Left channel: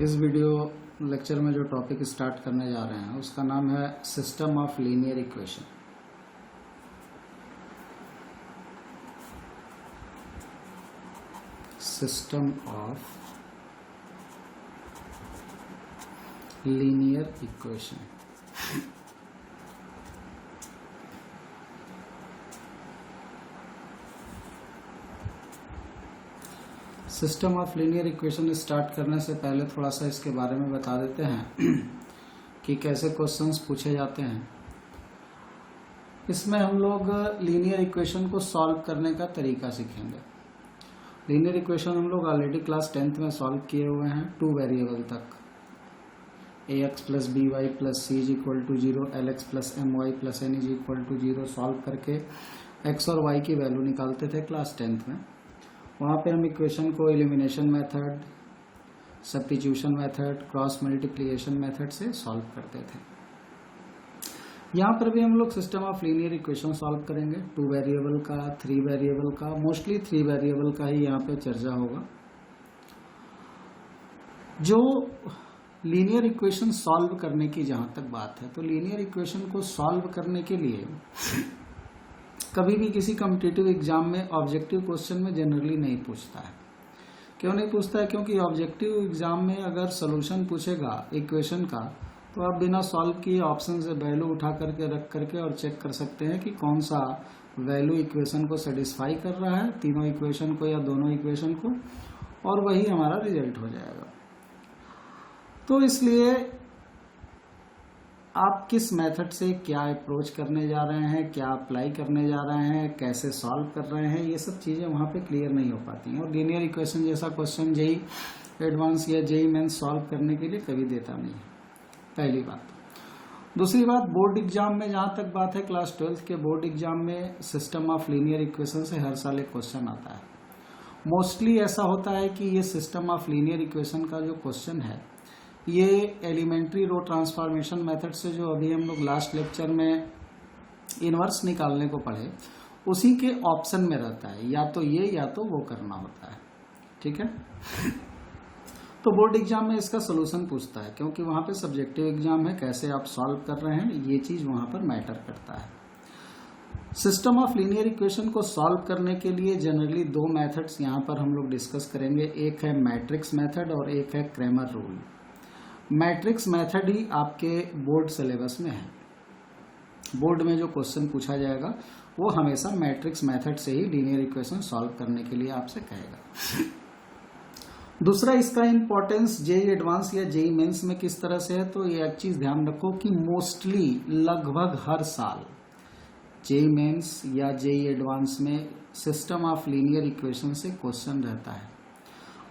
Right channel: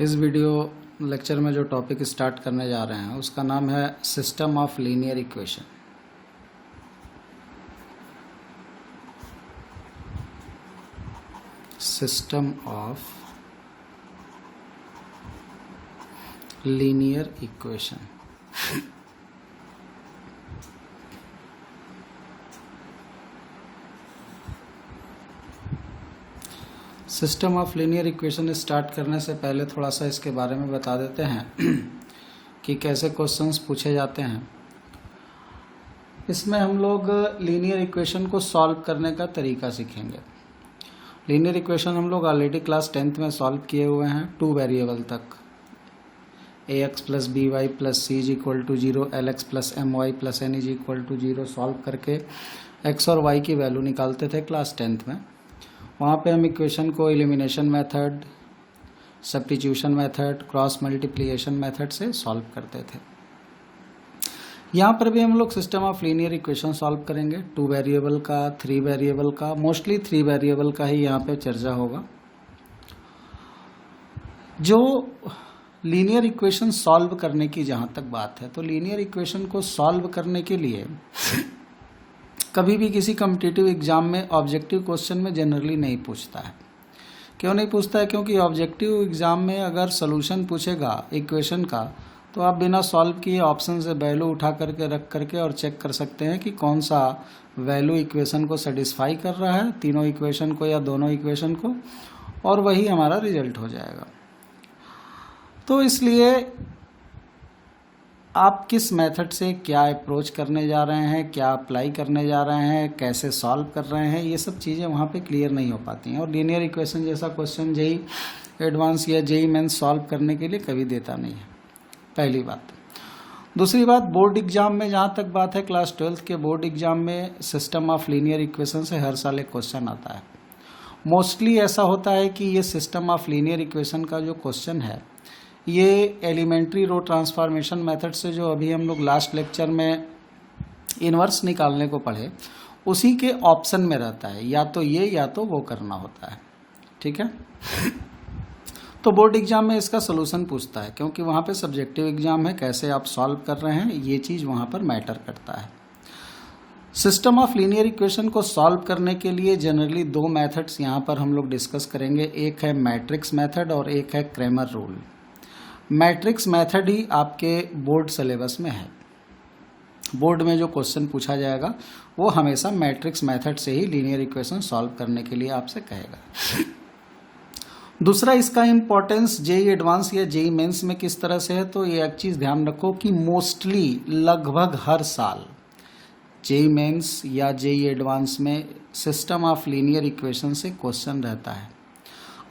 इस video lecture में जो टॉपिक स्टार्ट करने जा रहे हैं उसका नाम है system of linear equation. System of linear equation. System of linear equation start करने से पहले थोड़ा सा इसके बारे में बता देते हैं कि कैसे क्वेश्चंस पूछे जाते हैं। इसमें हम लोग लीनियर इक्वेशन को सॉल्व करने का तरीका सीखेंगे। लीनियर इक्वेशन हम लोग ऑलरेडी क्लास 10th में सॉल्व किए हुए हैं 2 वेरिएबल तक, ax plus B Y plus C is equal to 0, lx plus M Y plus N is equal to 0 solve करके x और y की वैल्यू निकालते थे क्लास 10th में। वहाँ पे हम इक्वेशन को elimination method, substitution method, cross multiplication method से सॉल्व करते थे। यहाँ पर भी हम लोग system of linear equation solve करेंगे 2 वेरिएबल का, 3 वेरिएबल का, मोस्टली 3 वेरिएबल का ही यहाँ पे चर्चा होगा। जो लीनियर इक्वेशन सॉल्व करने की जहाँ तक बात है, तो लीनियर इक्वेशन को सॉल्व करने के लिए कभी भी किसी कॉम्पिटिटिव एग्जाम में ऑब्जेक्टिव क्वेश्चन में जनरली नहीं पूछता है। क्यों नहीं पूछता है? क्योंकि ऑब्जेक्टिव एग्जाम में अगर सोल्यूशन पूछेगा इक्वेशन का, तो आप बिना सॉल्व किए ऑप्शन से वैल्यू उठा करके रख करके और चेक कर सकते हैं कि कौन सा वैल्यू इक्वेशन को सेटिस्फाई कर रहा है, तीनों इक्वेशन को या दोनों इक्वेशन को, और वही हमारा रिजल्ट हो जाएगा। तो इसलिए आप किस मेथड से क्या अप्रोच करने जा रहे हैं, क्या अप्लाई करने जा रहे हैं, कैसे सॉल्व कर रहे हैं, ये सब चीज़ें वहाँ पे क्लियर नहीं हो पाती हैं। और लीनियर इक्वेशन जैसा क्वेश्चन जेई एडवांस या जेई मेंस सॉल्व करने के लिए कभी देता नहीं है, पहली बात। दूसरी बात, बोर्ड एग्जाम में जहाँ तक बात है, क्लास 12th के बोर्ड एग्जाम में सिस्टम ऑफ लीनियर इक्वेशन से हर साल एक क्वेश्चन आता है। मोस्टली ऐसा होता है कि ये सिस्टम ऑफ लीनियर इक्वेशन का जो क्वेश्चन है, ये एलिमेंट्री रो ट्रांसफॉर्मेशन मेथड से जो अभी हम लोग लास्ट लेक्चर में इन्वर्स निकालने को पढ़े, उसी के ऑप्शन में रहता है, या तो ये या तो वो करना होता है। ठीक है, तो बोर्ड एग्जाम में इसका सोल्यूशन पूछता है, क्योंकि वहाँ पे सब्जेक्टिव एग्जाम है, कैसे आप सॉल्व कर रहे हैं ये चीज़ वहाँ पर मैटर करता है। सिस्टम ऑफ लीनियर इक्वेशन को सॉल्व करने के लिए जनरली 2 मेथड्स यहाँ पर हम लोग डिस्कस करेंगे। एक है मैट्रिक्स मेथड और एक है क्रैमर रूल। मैट्रिक्स मेथड ही आपके बोर्ड सिलेबस में है। बोर्ड में जो क्वेश्चन पूछा जाएगा वो हमेशा मैट्रिक्स मेथड से ही लीनियर इक्वेशन सॉल्व करने के लिए आपसे कहेगा। दूसरा, इसका इम्पोर्टेंस जेई एडवांस या जेई मेंस में किस तरह से है, तो ये एक चीज़ ध्यान रखो कि मोस्टली लगभग हर साल जेई मेंस या जेई एडवांस में सिस्टम ऑफ लीनियर इक्वेशन से क्वेश्चन रहता है।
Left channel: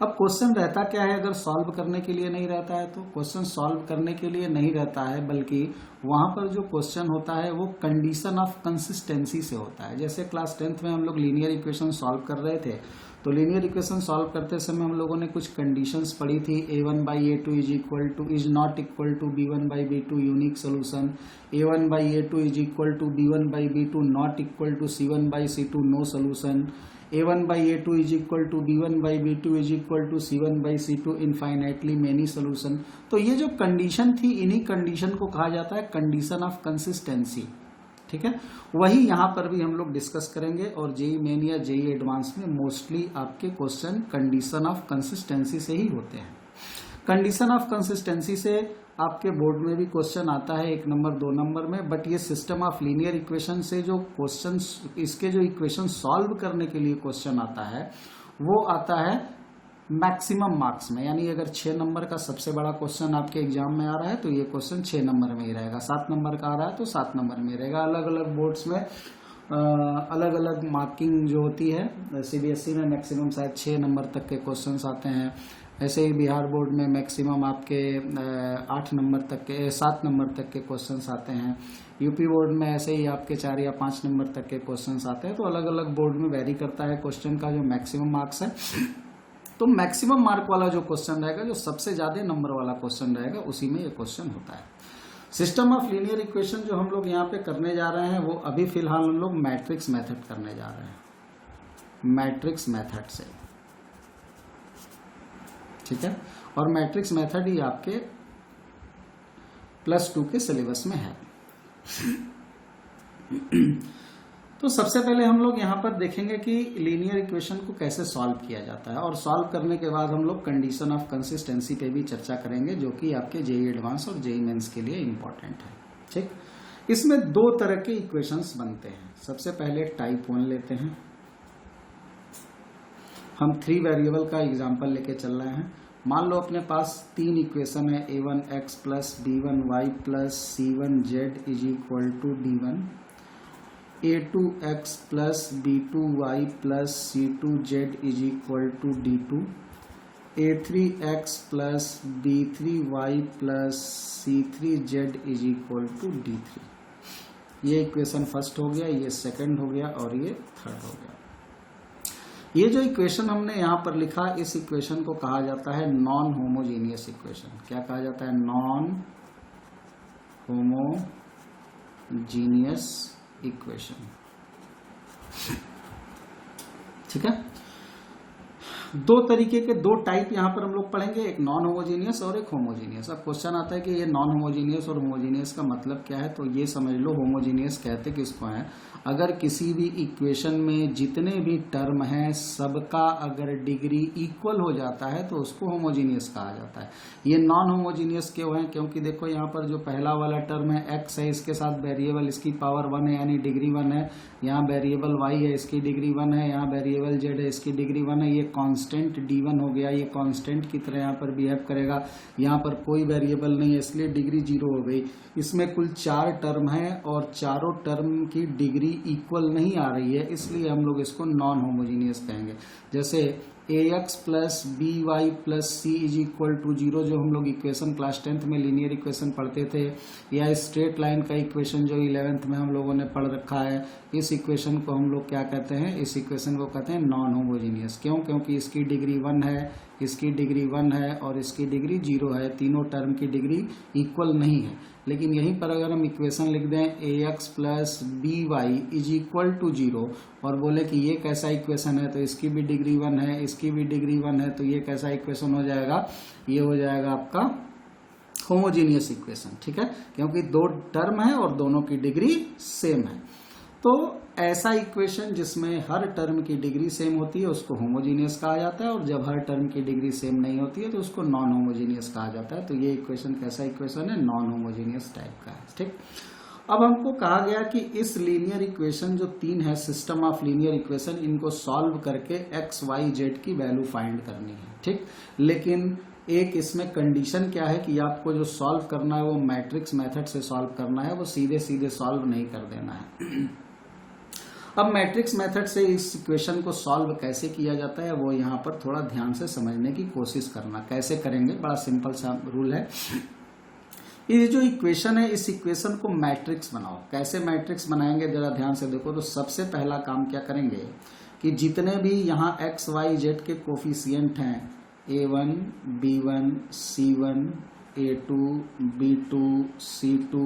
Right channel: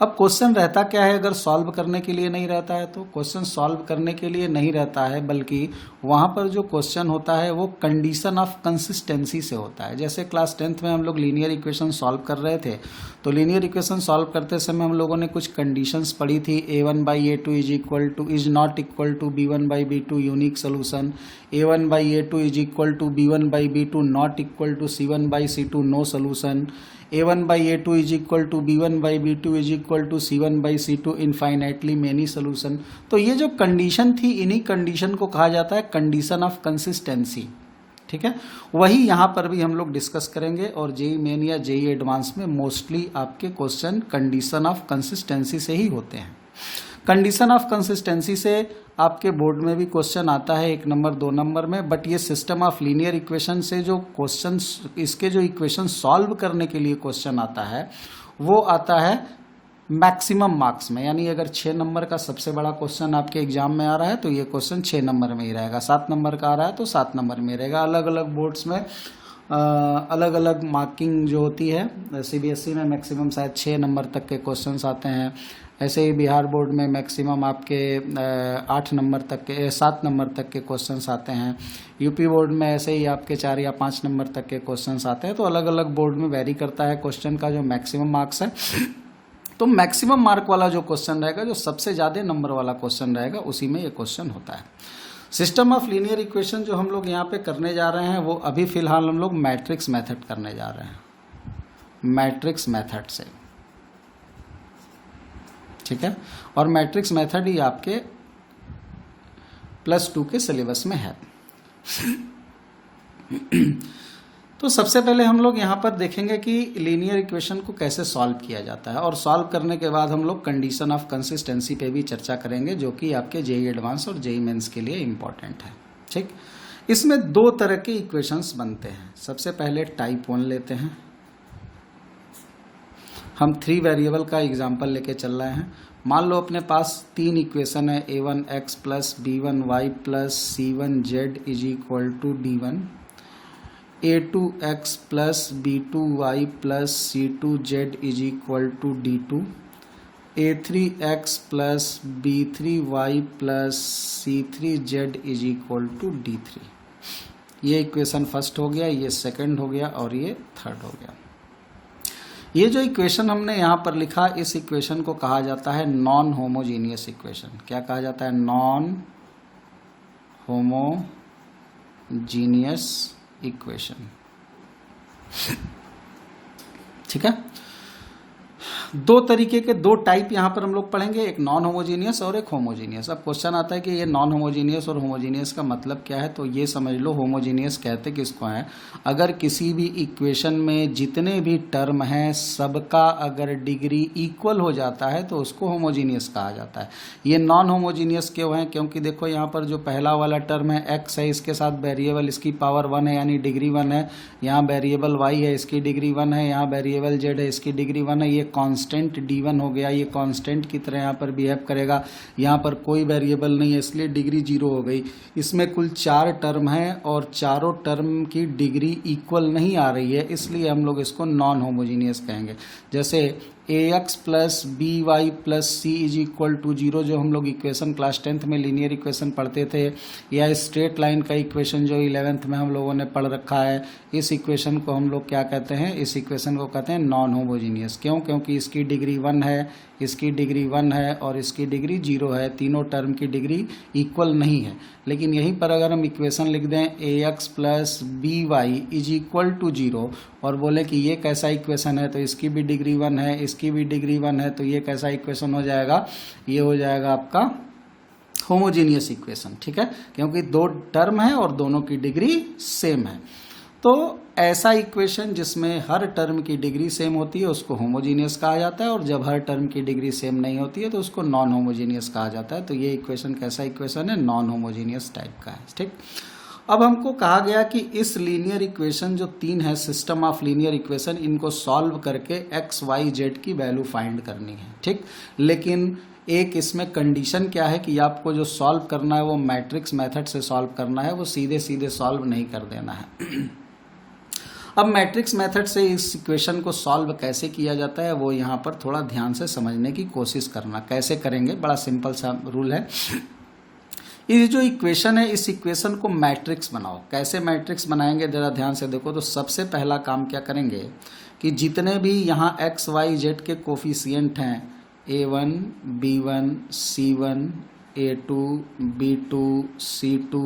अब क्वेश्चन रहता क्या है, अगर सॉल्व करने के लिए नहीं रहता है तो क्वेश्चन सॉल्व करने के लिए नहीं रहता है, बल्कि वहाँ पर जो क्वेश्चन होता है वो कंडीशन ऑफ कंसिस्टेंसी से होता है। जैसे क्लास 10th में हम लोग लीनियर इक्वेशन सॉल्व कर रहे थे, तो लीनियर इक्वेशन सॉल्व करते समय हम लोगों ने कुछ कंडीशंस पढ़ी थी। a1/a2 is not equal to b1/b2 unique solution, a1/a2 is equal to b1/b2 not equal to c1/c2 no solution, a1/a2 is equal to b1/b2 is equal to c1/c2 infinitely many solution. तो ये जो condition थी, इन्हीं condition को कहा जाता है condition of consistency. ठीक है, वही यहाँ पर भी हम लोग डिस्कस करेंगे। और जेई मेन या जेई एडवांस में मोस्टली आपके क्वेश्चन कंडीशन ऑफ कंसिस्टेंसी से ही होते हैं। कंडीशन ऑफ कंसिस्टेंसी से आपके बोर्ड में भी क्वेश्चन आता है 1 नंबर 2 नंबर में, बट ये सिस्टम ऑफ लीनियर इक्वेशन से जो क्वेश्चन, इसके जो इक्वेशन सॉल्व करने के लिए क्वेश्चन आता है, वो आता है मैक्सिमम मार्क्स में। यानी अगर 6 नंबर का सबसे बड़ा क्वेश्चन आपके एग्जाम में आ रहा है तो ये क्वेश्चन 6 नंबर में ही रहेगा, 7 नंबर का आ रहा है तो 7 नंबर में ही रहेगा। अलग अलग बोर्ड्स में अलग अलग मार्किंग जो होती है। सीबीएसई में मैक्सिमम शायद 6 नंबर तक के क्वेश्चंस आते हैं, ऐसे ही बिहार बोर्ड में मैक्सिमम आपके 8 नंबर तक के 7 नंबर तक के क्वेश्चंस आते हैं। यूपी बोर्ड में ऐसे ही आपके 4 या 5 नंबर तक के क्वेश्चंस आते हैं। तो अलग अलग बोर्ड में वेरी करता है क्वेश्चन का जो मैक्सिमम मार्क्स है। तो मैक्सिमम मार्क वाला जो क्वेश्चन रहेगा, जो सबसे ज़्यादा नंबर वाला क्वेश्चन रहेगा, उसी में ये क्वेश्चन होता है। सिस्टम ऑफ लीनियर इक्वेशन जो हम लोग यहाँ पे करने जा रहे हैं, वो अभी फ़िलहाल हम लोग मैट्रिक्स मेथड करने जा रहे हैं, मैट्रिक्स मेथड से। ठीक है, और मैट्रिक्स मेथड ही आपके +2 के सिलेबस में है। तो सबसे पहले हम लोग यहाँ पर देखेंगे कि लीनियर इक्वेशन को कैसे सॉल्व किया जाता है, और सॉल्व करने के बाद हम लोग कंडीशन ऑफ कंसिस्टेंसी पे भी चर्चा करेंगे, जो कि आपके जेईई एडवांस और जेईई मेंस के लिए इम्पॉर्टेंट है। ठीक, इसमें 2 तरह के इक्वेशंस बनते हैं। सबसे पहले टाइप 1 लेते हैं, हम 3 वेरिएबल का एग्जाम्पल लेके चल रहे हैं। मान लो अपने पास 3 इक्वेशन है, a1x + b1y + c1z = d1, a2x + b2y + c2z = d2, a3x + b3y + c3z = d3। ये इक्वेशन फर्स्ट हो गया, ये सेकंड हो गया और ये थर्ड हो गया। ये जो इक्वेशन हमने यहाँ पर लिखा, इस इक्वेशन को कहा जाता है नॉन होमोजीनियस इक्वेशन। क्या कहा जाता है? Non homogeneous equation. ठीक है, 2 तरीके के 2 टाइप यहाँ पर हम लोग पढ़ेंगे, एक नॉन होमोजीनियस और एक होमोजीनियस। अब क्वेश्चन आता है कि ये नॉन होमोजीनियस और होमोजीनियस का मतलब क्या है, तो ये समझ लो होमोजीनियस कहते किसको है, अगर किसी भी इक्वेशन में जितने भी टर्म हैं सबका अगर डिग्री इक्वल हो जाता है तो उसको होमोजीनियस कहा जाता है। ये नॉन होमोजीनियस क्यों है? क्योंकि देखो यहाँ पर जो पहला वाला टर्म है x है, इसके साथ वेरिएबल इसकी पावर 1 है यानी डिग्री 1 है, यहाँ वेरिएबल y है इसकी डिग्री 1 है, यहाँ वेरिएबल z है इसकी डिग्री 1 है। ये कांस्टेंट d1 हो गया, ये कांस्टेंट की तरह यहाँ पर बिहेव करेगा। यहाँ पर कोई वेरिएबल नहीं है इसलिए डिग्री 0 हो गई। इसमें कुल 4 टर्म हैं और चारों टर्म की डिग्री इक्वल नहीं आ रही है, इसलिए हम लोग इसको नॉन होमोजीनियस कहेंगे। जैसे ax + by + c = 0 जो हम लोग इक्वेशन क्लास 10th में लीनियर इक्वेशन पढ़ते थे, या स्ट्रेट लाइन का इक्वेशन जो 11th में हम लोगों ने पढ़ रखा है, इस इक्वेशन को हम लोग क्या कहते हैं? इस इक्वेशन को कहते हैं नॉन होमोजीनियस। क्यों? क्योंकि इसकी डिग्री 1 है, इसकी डिग्री 1 है और इसकी डिग्री 0 है, तीनों टर्म की डिग्री इक्वल नहीं है। लेकिन यहीं पर अगर हम इक्वेशन लिख दें ax + by = 0 और बोले कि ये कैसा इक्वेशन है, तो इसकी भी डिग्री 1 है, इसकी भी डिग्री 1 है, तो ये कैसा इक्वेशन हो जाएगा? ये हो जाएगा आपका होमोजीनियस इक्वेशन। ठीक है, क्योंकि 2 टर्म है और दोनों की डिग्री सेम है। तो ऐसा इक्वेशन जिसमें हर टर्म की डिग्री सेम होती है उसको होमोजीनियस कहा जाता है, और जब हर टर्म की डिग्री सेम नहीं होती है तो उसको नॉन होमोजीनियस कहा जाता है। तो ये इक्वेशन कैसा इक्वेशन है? नॉन होमोजीनियस टाइप का है। ठीक, अब हमको कहा गया कि इस लीनियर इक्वेशन जो 3 है, सिस्टम ऑफ लीनियर इक्वेशन, इनको सॉल्व करके x y z की वैल्यू फाइंड करनी है। ठीक, लेकिन एक इसमें कंडीशन क्या है कि आपको जो सॉल्व करना है वो मैट्रिक्स मेथड से सॉल्व करना है, वो सीधे सीधे सॉल्व नहीं कर देना है। अब मैट्रिक्स मेथड से इस इक्वेशन को सॉल्व कैसे किया जाता है वो यहाँ पर थोड़ा ध्यान से समझने की कोशिश करना। कैसे करेंगे? बड़ा सिंपल सा रूल है। ये जो इक्वेशन है, इस इक्वेशन को मैट्रिक्स बनाओ। कैसे मैट्रिक्स बनाएंगे जरा ध्यान से देखो। तो सबसे पहला काम क्या करेंगे कि जितने भी यहाँ x y z के कोफिशिएंट हैं, a1 b1 c1 a2 b2 c2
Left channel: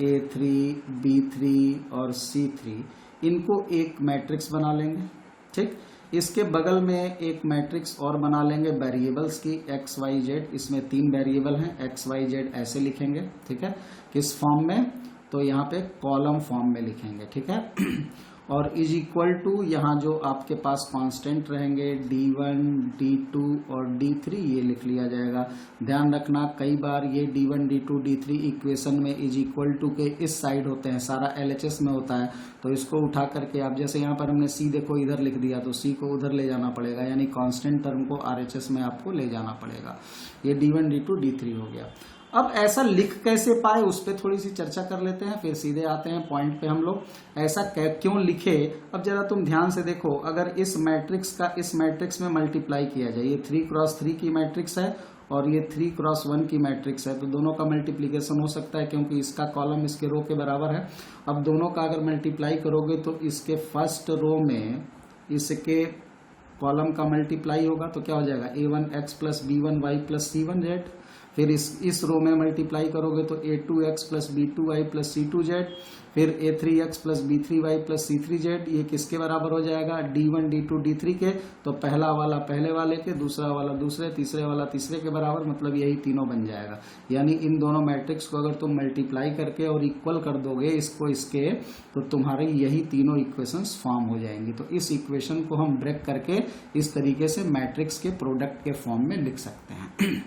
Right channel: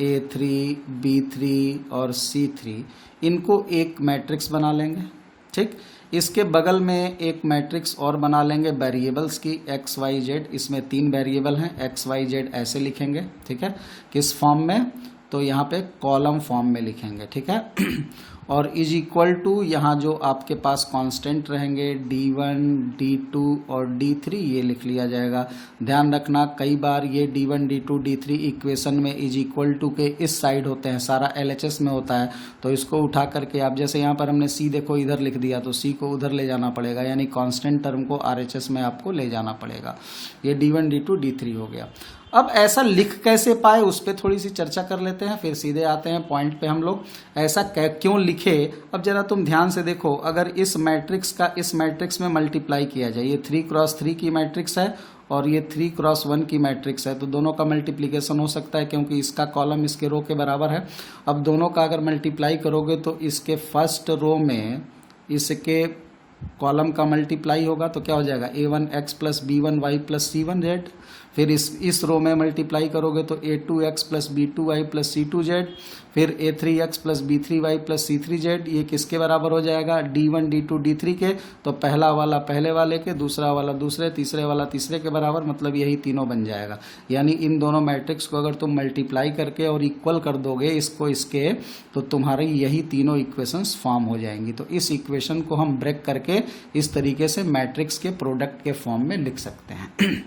a3 b3 और c3, इनको एक मैट्रिक्स बना लेंगे। ठीक, इसके बगल में एक मैट्रिक्स और बना लेंगे वेरिएबल्स की x y z। इसमें 3 वेरिएबल हैं, x y z ऐसे लिखेंगे। ठीक है, किस फॉर्म में? तो यहाँ पे कॉलम फॉर्म में लिखेंगे। ठीक है, और = यहाँ जो आपके पास कांस्टेंट रहेंगे d1 d2 और d3, ये लिख लिया जाएगा। ध्यान रखना कई बार ये d1 d2 d3 इक्वेशन में = के इस साइड होते हैं, सारा LHS में होता है, तो इसको उठा करके आप, जैसे यहाँ पर हमने c देखो इधर लिख दिया, तो c को उधर ले जाना पड़ेगा, यानी कांस्टेंट टर्म को RHS में आपको ले जाना पड़ेगा। ये d1 d2 d3 हो गया। अब ऐसा लिख कैसे पाए उस पर थोड़ी सी चर्चा कर लेते हैं, फिर सीधे आते हैं पॉइंट पे। हम लोग ऐसा क्यों लिखे, अब जरा तुम ध्यान से देखो। अगर इस मैट्रिक्स का इस मैट्रिक्स में मल्टीप्लाई किया जाए, ये 3x3 की मैट्रिक्स है और ये 3x1 की मैट्रिक्स है, तो दोनों का मल्टीप्लिकेशन हो सकता है क्योंकि इसका कॉलम इसके रो के बराबर है। अब दोनों का अगर मल्टीप्लाई करोगे तो इसके फर्स्ट रो में इसके कॉलम का मल्टीप्लाई होगा, तो क्या हो जाएगा? a1x + b1y + c1z। फिर इस रो में मल्टीप्लाई करोगे तो a2x plus b2y plus c2z, फिर a3x plus b3y plus c3z, ये किसके बराबर हो जाएगा, d1 d2 d3 के। तो पहला वाला पहले वाले के, दूसरा वाला दूसरे, तीसरे वाला तीसरे के बराबर, मतलब यही तीनों बन जाएगा। यानी इन दोनों मैट्रिक्स को अगर तुम मल्टीप्लाई करके और इक्वल कर दोगे इसको इसके, तो तुम्हारी यही तीनों इक्वेशंस फॉर्म हो जाएंगी। तो इस इक्वेशन को हम ब्रेक करके इस तरीके से मैट्रिक्स के प्रोडक्ट के फॉर्म में लिख सकते हैं।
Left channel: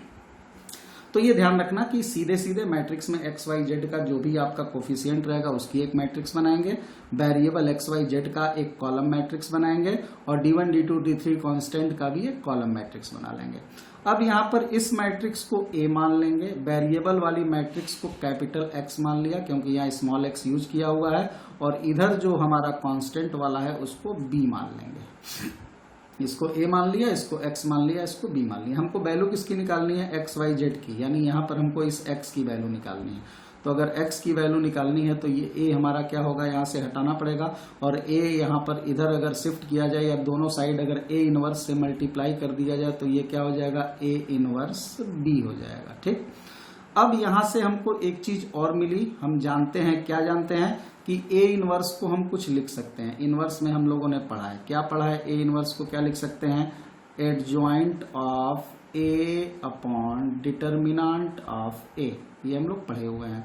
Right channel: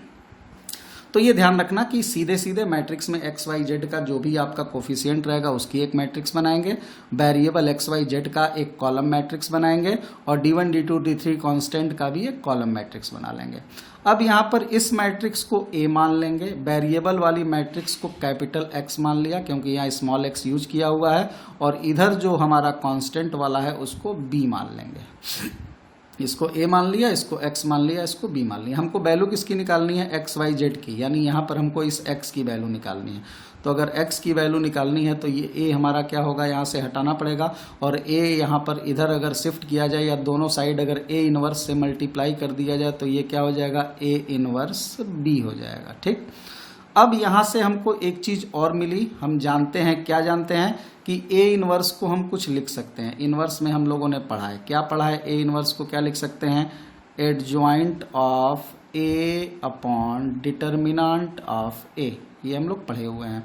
तो ये ध्यान रखना कि सीधे सीधे मैट्रिक्स में एक्स वाई जेड का जो भी आपका कोफिशिएंट रहेगा उसकी एक मैट्रिक्स बनाएंगे, वेरिएबल एक्स वाई जेड का एक कॉलम मैट्रिक्स बनाएंगे, और d1 d2 d3 कांस्टेंट का भी एक कॉलम मैट्रिक्स बना लेंगे। अब यहाँ पर इस मैट्रिक्स को A मान लेंगे, वेरिएबल वाली मैट्रिक्स को कैपिटल X मान लिया क्योंकि यहाँ स्मॉल x यूज किया हुआ है, और इधर जो हमारा कांस्टेंट वाला है उसको B मान लेंगे। इसको A मान लिया, इसको X मान लिया, इसको B मान लिया। हमको वैल्यू किसकी निकालनी है, एक्स वाई जेड की, यानी यहाँ पर हमको इस X की वैल्यू निकालनी है। तो अगर X की वैल्यू निकालनी है तो ये A हमारा क्या होगा, यहाँ से हटाना पड़ेगा, और A यहाँ पर इधर अगर शिफ्ट किया जाए या दोनों साइड अगर A इनवर्स से मल्टीप्लाई कर दिया जाए तो ये क्या हो जाएगा, A इनवर्स B हो जाएगा। ठीक, अब यहाँ से हमको एक चीज़ और मिली, हम जानते हैं, क्या जानते हैं कि A इनवर्स को हम कुछ लिख सकते हैं। इनवर्स में हम लोगों ने पढ़ा है, क्या पढ़ा है, A इनवर्स को क्या लिख सकते हैं, adjoint of A upon determinant of A, ये हम लोग पढ़े हुए हैं।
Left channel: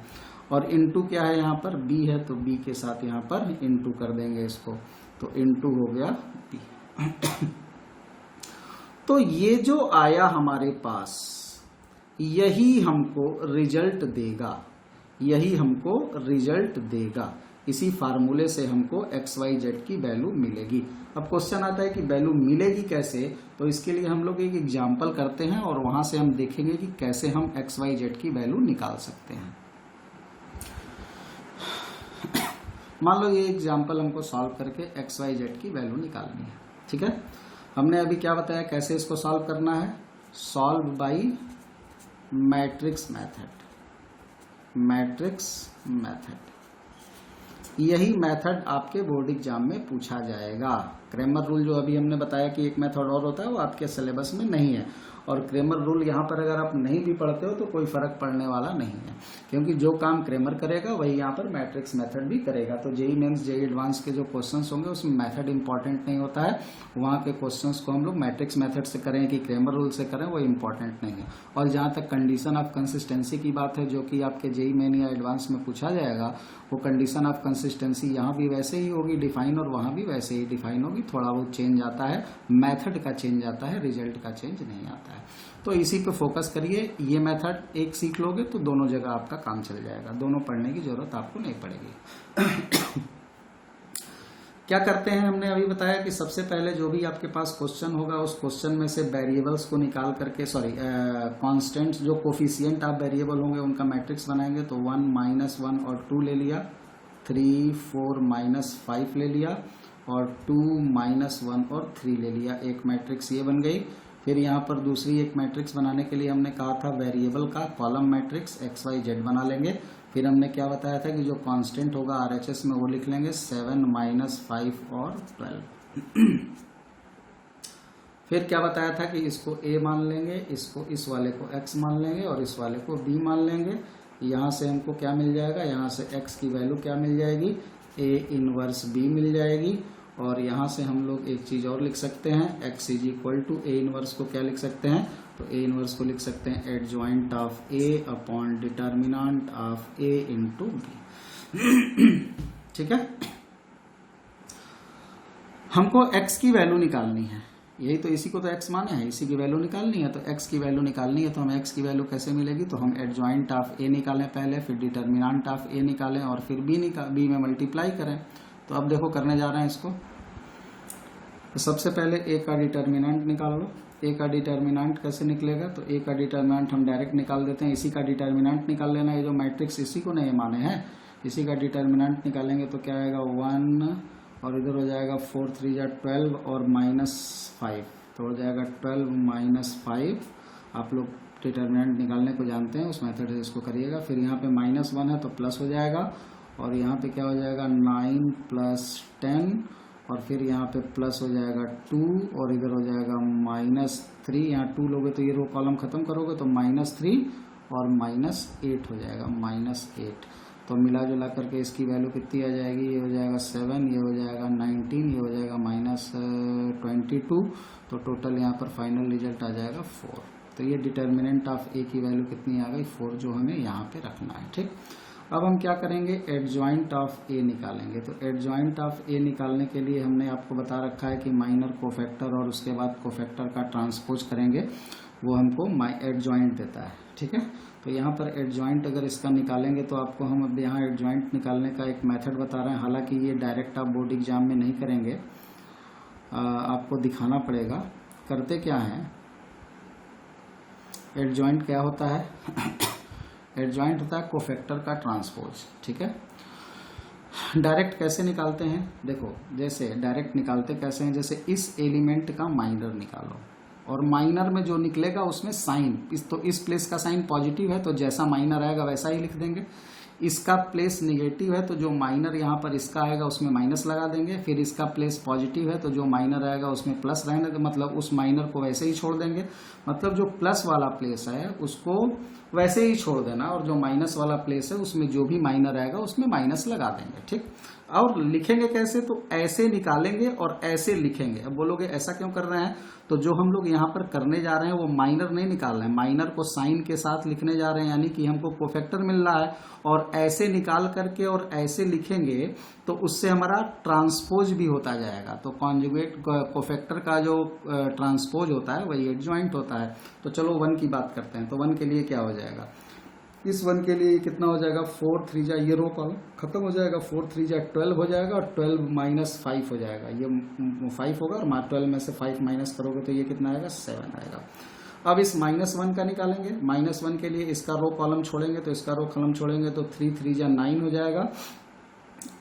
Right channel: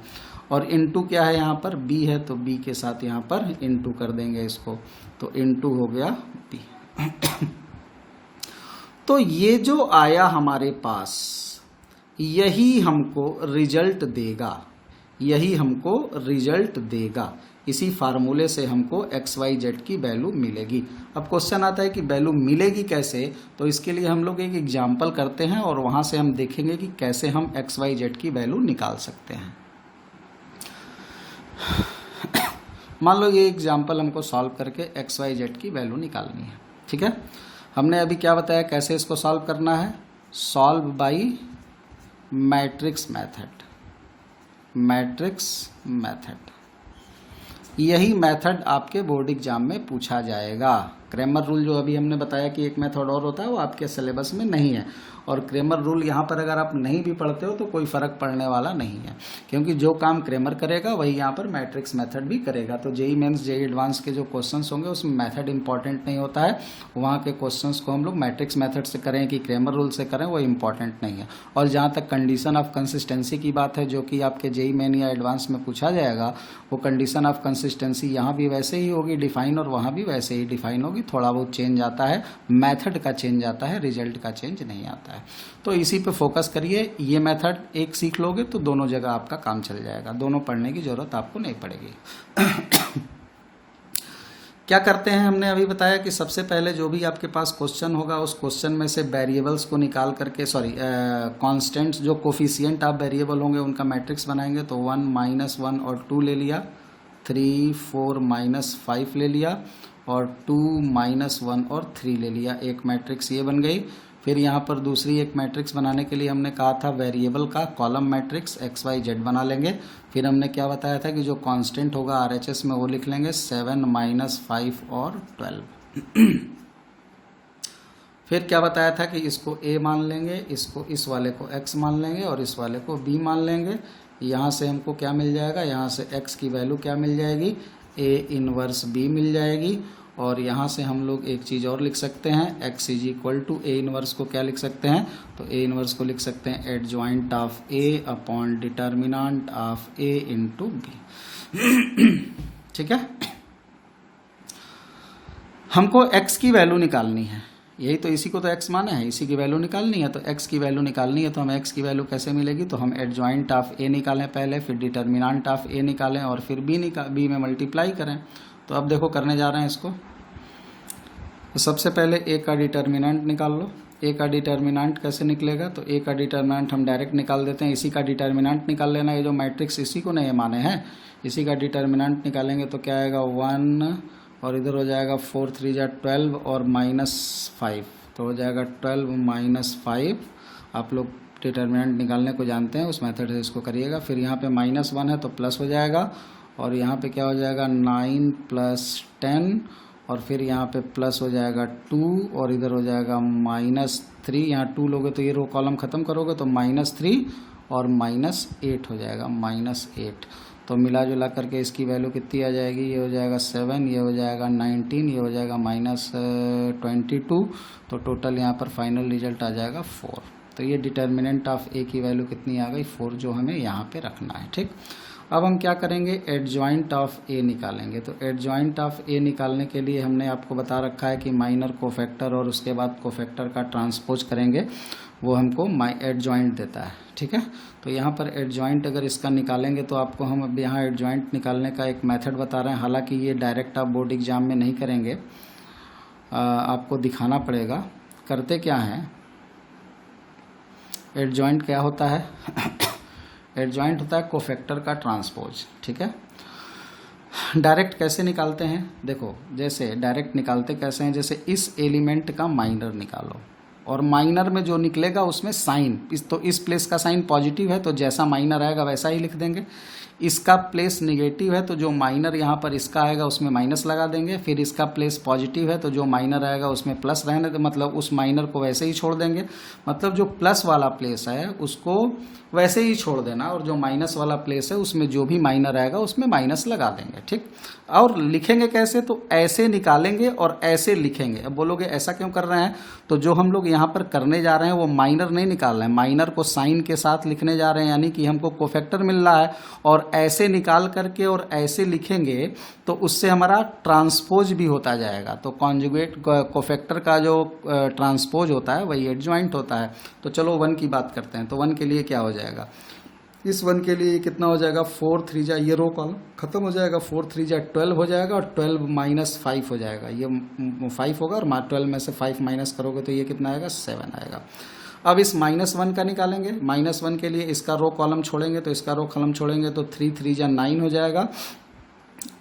और इनटू क्या है, यहाँ पर B है तो B के साथ यहाँ पर इनटू कर देंगे इसको, तो इनटू हो गया B। तो ये जो आया हमारे पास यही हमको रिजल्ट देगा, यही हमको रिजल्ट देगा। इसी फार्मूले से हमको एक्स वाई जेड की वैल्यू मिलेगी। अब क्वेश्चन आता है कि वैल्यू मिलेगी कैसे, तो इसके लिए हम लोग एक एग्जाम्पल करते हैं और वहाँ से हम देखेंगे कि कैसे हम एक्स वाई जेड की वैल्यू निकाल सकते हैं। मान लो ये एग्जाम्पल हमको सॉल्व करके एक्स वाई जेड की वैल्यू निकालनी है। ठीक है, हमने अभी क्या बताया कैसे इसको सॉल्व करना है, solve by matrix method, matrix method. यही मेथड आपके बोर्ड एग्जाम में पूछा जाएगा। क्रेमर रूल जो अभी हमने बताया कि एक मेथड और होता है वो आपके सिलेबस में नहीं है, और क्रेमर रूल यहाँ पर अगर आप नहीं भी पढ़ते हो तो कोई फ़र्क पड़ने वाला नहीं है, क्योंकि जो काम क्रेमर करेगा वही यहाँ पर मैट्रिक्स मेथड भी करेगा। तो जेई मेंस जेई एडवांस के जो क्वेश्चंस होंगे उसमें मेथड इंपॉर्टेंट नहीं होता है, वहाँ के क्वेश्चंस को हम लोग मैट्रिक्स मेथड से करें कि क्रेमर रूल से करें वो इंपॉर्टेंट नहीं है। और जहाँ तक कंडीशन ऑफ कंसिस्टेंसी की बात है जो कि आपके जेई मेन या एडवांस में पूछा जाएगा, वो कंडीशन ऑफ कंसिस्टेंसी यहाँ भी वैसे ही होगी डिफाइन और वहाँ भी वैसे ही डिफाइन होगी, थोड़ा बहुत चेंज आता है, मेथड का चेंज आता है, रिजल्ट का चेंज नहीं आता है। तो इसी पे फोकस करिए, ये मेथड एक सीख लोगे तो दोनों जगह आपका काम चल जाएगा, दोनों पढ़ने की ज़रूरत आपको नहीं पड़ेगी। क्या करते हैं, हमने अभी बताया कि सबसे पहले जो भी आपके पास क्वेश्चन होगा उस क्वेश्चन में से वेरिएबल्स को निकाल करके, कांस्टेंट्स जो कोफिशिएंट आप वेरिएबल होंगे उनका मैट्रिक्स बनाएंगे। तो 1 -1 और 2 ले लिया, 3 4 -5 ले लिया, और 2 -1 और 3 ले लिया, एक मैट्रिक्स ये बन गई। फिर यहाँ पर दूसरी एक मैट्रिक्स बनाने के लिए हमने कहा था वेरिएबल का column matrix X Y Z बना लेंगे। फिर हमने क्या बताया था कि जो कांस्टेंट होगा आरएचएस में वो लिख लेंगे 7 -5 और 12। फिर क्या बताया था कि इसको A मान लेंगे, इसको इस वाले को X मान लेंगे और इस वाले को B मान लेंगे। यहाँ से हमको क्या मिल जाएगा, यहाँ से X की वैल्यू क्या मिल जाएगी, A इनवर्स B मिल जाएगी। और यहाँ से हम लोग एक चीज़ और लिख सकते हैं, x is equal to A inverse को क्या लिख सकते हैं, तो A इनवर्स को लिख सकते हैं adjoint of A upon determinant of A into B। ठीक है, हमको x की वैल्यू निकालनी है, यही तो, इसी को तो x माना है, इसी की वैल्यू निकालनी है। तो x की वैल्यू निकालनी है तो हम x की वैल्यू कैसे मिलेगी, तो हम एडजॉइंट ऑफ A निकालें पहले, फिर डिटर्मिनेंट ऑफ A निकालें और फिर B में मल्टीप्लाई करें। तो अब देखो करने जा रहे हैं इसको। तो सबसे पहले A का डिटर्मिनेंट निकाल लो। A का डिटर्मिनेंट कैसे निकलेगा, तो A का डिटर्मिनेंट हम डायरेक्ट निकाल देते हैं, इसी का डिटर्मिनेंट निकाल लेना। ये जो मैट्रिक्स इसी को नहीं माने हैं, इसी का डिटर्मिनेंट निकालेंगे तो क्या आएगा 1 और इधर हो जाएगा 4 3 जा 12 और -5, तो हो जाएगा 12 -5। आप लोग डिटर्मिनेंट निकालने को जानते हैं, उस मेथड से इसको करिएगा। फिर यहाँ पे -1 है तो प्लस हो जाएगा, और यहाँ पे क्या हो जाएगा 9 + 10, और फिर यहाँ पे प्लस हो जाएगा 2 और इधर हो जाएगा -3। यहाँ 2 लोगे तो ये रो कॉलम ख़त्म करोगे तो -3 और -8 हो जाएगा, -8। तो मिला जुला करके इसकी वैल्यू कितनी आ जाएगी, ये हो जाएगा 7, ये हो जाएगा 19, ये हो जाएगा -22। तो टोटल यहाँ पर फाइनल रिजल्ट आ जाएगा 4। तो ये डिटर्मिनेंट ऑफ ए की वैल्यू कितनी आ गई, 4, जो हमें यहाँ पे रखना है। ठीक, अब हम क्या करेंगे, एडजॉइंट ऑफ ए निकालेंगे। तो एडजॉइंट ऑफ ए निकालने के लिए हमने आपको बता रखा है कि माइनर कोफैक्टर और उसके बाद कोफैक्टर का ट्रांसपोज करेंगे, वो हमको एडजॉइंट देता है। ठीक है, तो यहाँ पर एडजॉइंट अगर इसका निकालेंगे तो आपको हम अब यहाँ एडजॉइंट निकालने का एक मेथड बता रहे हैं। हालांकि ये डायरेक्ट आप बोर्ड एग्जाम में नहीं करेंगे, आपको दिखाना पड़ेगा। करते क्या हैं, एडजॉइंट क्या होता है एडजॉइंट होता है कोफैक्टर का ट्रांसपोज। ठीक है, डायरेक्ट कैसे निकालते हैं, देखो जैसे डायरेक्ट निकालते कैसे हैं, जैसे इस एलिमेंट का माइनर निकालो और माइनर में जो निकलेगा उसमें साइन, तो इस प्लेस का साइन पॉजिटिव है तो जैसा माइनर आएगा वैसा ही लिख देंगे। इसका प्लेस नेगेटिव है तो जो माइनर यहाँ पर इसका आएगा उसमें माइनस लगा देंगे। फिर इसका प्लेस पॉजिटिव है तो जो माइनर आएगा उसमें प्लस रहने, मतलब उस माइनर को वैसे ही छोड़ देंगे। मतलब जो प्लस वाला प्लेस है उसको वैसे ही छोड़ देना और जो माइनस वाला प्लेस है उसमें जो भी माइनर आएगा उसमें माइनस लगा देंगे। ठीक, और लिखेंगे कैसे, तो ऐसे निकालेंगे और ऐसे लिखेंगे। अब बोलोगे ऐसा क्यों कर रहे हैं, तो जो हम लोग यहाँ पर करने जा रहे हैं वो माइनर नहीं निकाल रहे हैं, माइनर को साइन के साथ लिखने जा रहे हैं, यानी कि हमको कोफैक्टर मिल रहा है और ऐसे निकाल करके और ऐसे लिखेंगे तो उससे हमारा ट्रांसपोज भी होता जाएगा। तो कॉन्जुगेट कोफैक्टर का जो ट्रांसपोज होता है वही एडजॉइंट होता है। तो चलो 1 की बात करते हैं। तो 1 के लिए क्या हो जाएगा, इस 1 के लिए कितना हो जाएगा, 4 3 जा, ये रो कॉलम खत्म हो जाएगा, 4 3 जा 12 हो जाएगा और 12 - 5 हो जाएगा, ये 5 होगा और 12 में से 5 माइनस करोगे तो ये कितना आएगा, 7 आएगा। अब इस -1 का निकालेंगे। -1 के लिए इसका रो कॉलम छोड़ेंगे तो इसका रो कॉलम छोड़ेंगे तो 3 3 जा 9 हो जाएगा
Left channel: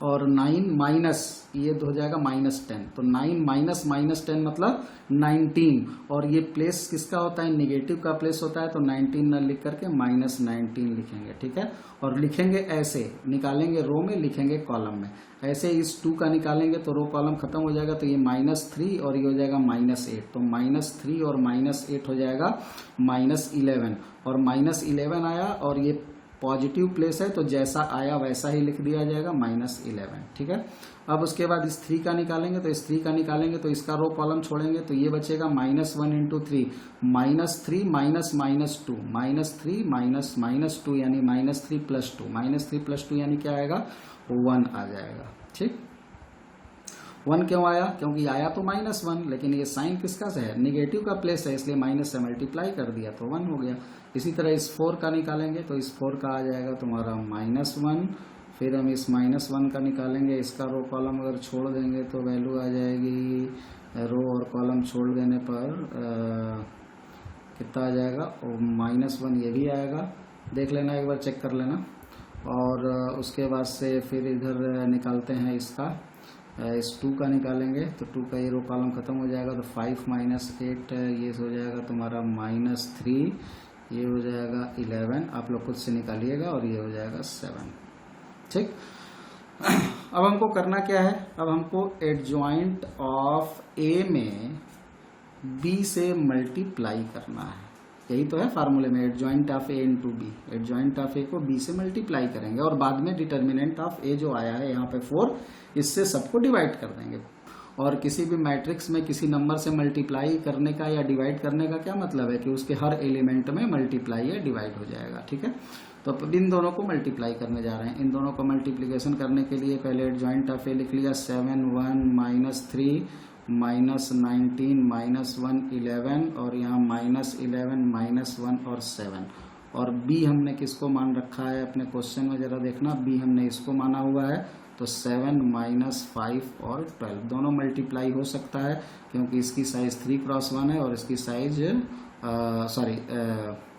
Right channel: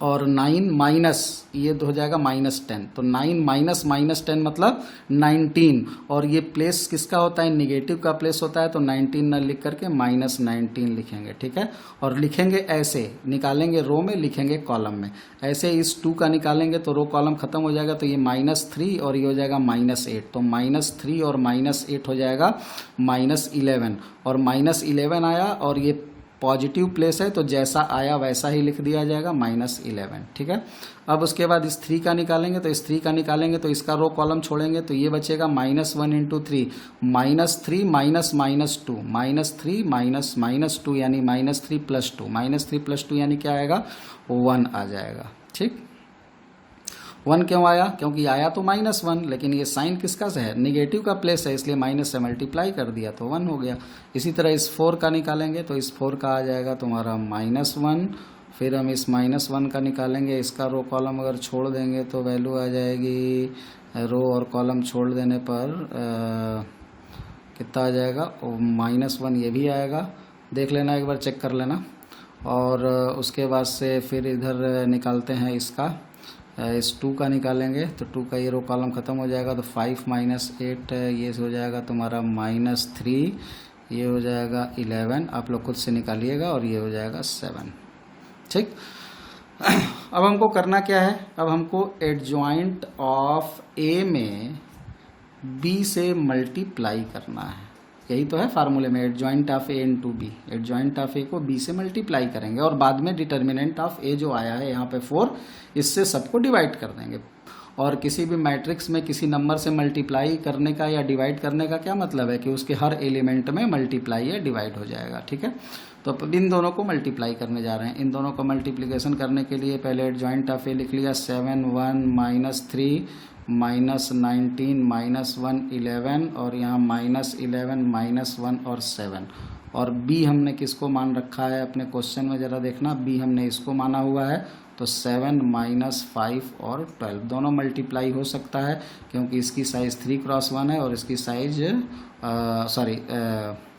और 9 माइनस ये हो जाएगा -10। तो 9 माइनस -10 मतलब 19 और ये प्लेस किसका होता है, नेगेटिव का प्लेस होता है। तो 19 न लिख करके -19 लिखेंगे। ठीक है, और लिखेंगे ऐसे, निकालेंगे रो में, लिखेंगे कॉलम में। ऐसे इस 2 का निकालेंगे तो रो कॉलम खत्म हो जाएगा तो ये -3 और ये हो जाएगा -8। तो -3 और -8 हो जाएगा -11 और -11 आया और ये पॉजिटिव प्लेस है तो जैसा आया वैसा ही लिख दिया जाएगा -11। ठीक है, अब उसके बाद इस 3 का निकालेंगे तो इस 3 का निकालेंगे तो इसका रो कॉलम छोड़ेंगे तो ये बचेगा -1 × 3 -3 -2 -3 यानी -3 + 2 -3 + 2 यानी क्या आएगा, 1 आ जाएगा। ठीक, 1 क्यों आया, क्योंकि आया तो -1 लेकिन ये साइन किसका से है, नेगेटिव का प्लेस है, इसलिए माइनस से मल्टीप्लाई कर दिया तो 1 हो गया। इसी तरह इस 4 का निकालेंगे तो इस 4 का आ जाएगा तुम्हारा -1। फिर हम इस -1 का निकालेंगे, इसका रो कॉलम अगर छोड़ देंगे तो वैल्यू आ जाएगी, रो और कॉलम छोड़ देने पर कितना आ जाएगा, -1 ये भी आएगा, देख लेना एक बार, चेक कर लेना। और उसके बाद से फिर इधर निकालते हैं इसका, इस 2 का निकालेंगे तो 2 का ये रो कॉलम खत्म हो जाएगा तो 5 - 8 ये हो जाएगा तुम्हारा -3, ये हो जाएगा 11, आप लोग खुद से निकालिएगा और ये हो जाएगा 7। ठीक, अब हमको करना क्या है, अब हमको एडजॉइंट ऑफ ए में बी से मल्टीप्लाई करना है। यही तो है फार्मूले में, adjoint of A × B, adjoint of A को बी से मल्टीप्लाई करेंगे और बाद में डिटर्मिनेंट ऑफ ए जो आया है यहाँ पे 4, इससे सबको डिवाइड कर देंगे। और किसी भी मैट्रिक्स में किसी नंबर से मल्टीप्लाई करने का या डिवाइड करने का क्या मतलब है कि उसके हर एलिमेंट में मल्टीप्लाई या डिवाइड हो जाएगा। ठीक है, तो इन दोनों को मल्टीप्लाई करने जा रहे हैं। इन दोनों को मल्टीप्लिकेशन करने के लिए पहले एडजॉइंट ऑफ ए लिख लिया, 7 1 -3 -19 -1 11 और यहाँ -11 -1 और 7। और बी हमने किसको मान रखा है अपने क्वेश्चन में, ज़रा देखना, बी हमने इसको माना हुआ है। तो 7 -5 और 12 दोनों मल्टीप्लाई हो सकता है क्योंकि इसकी साइज़ 3 × 1 है और इसकी साइज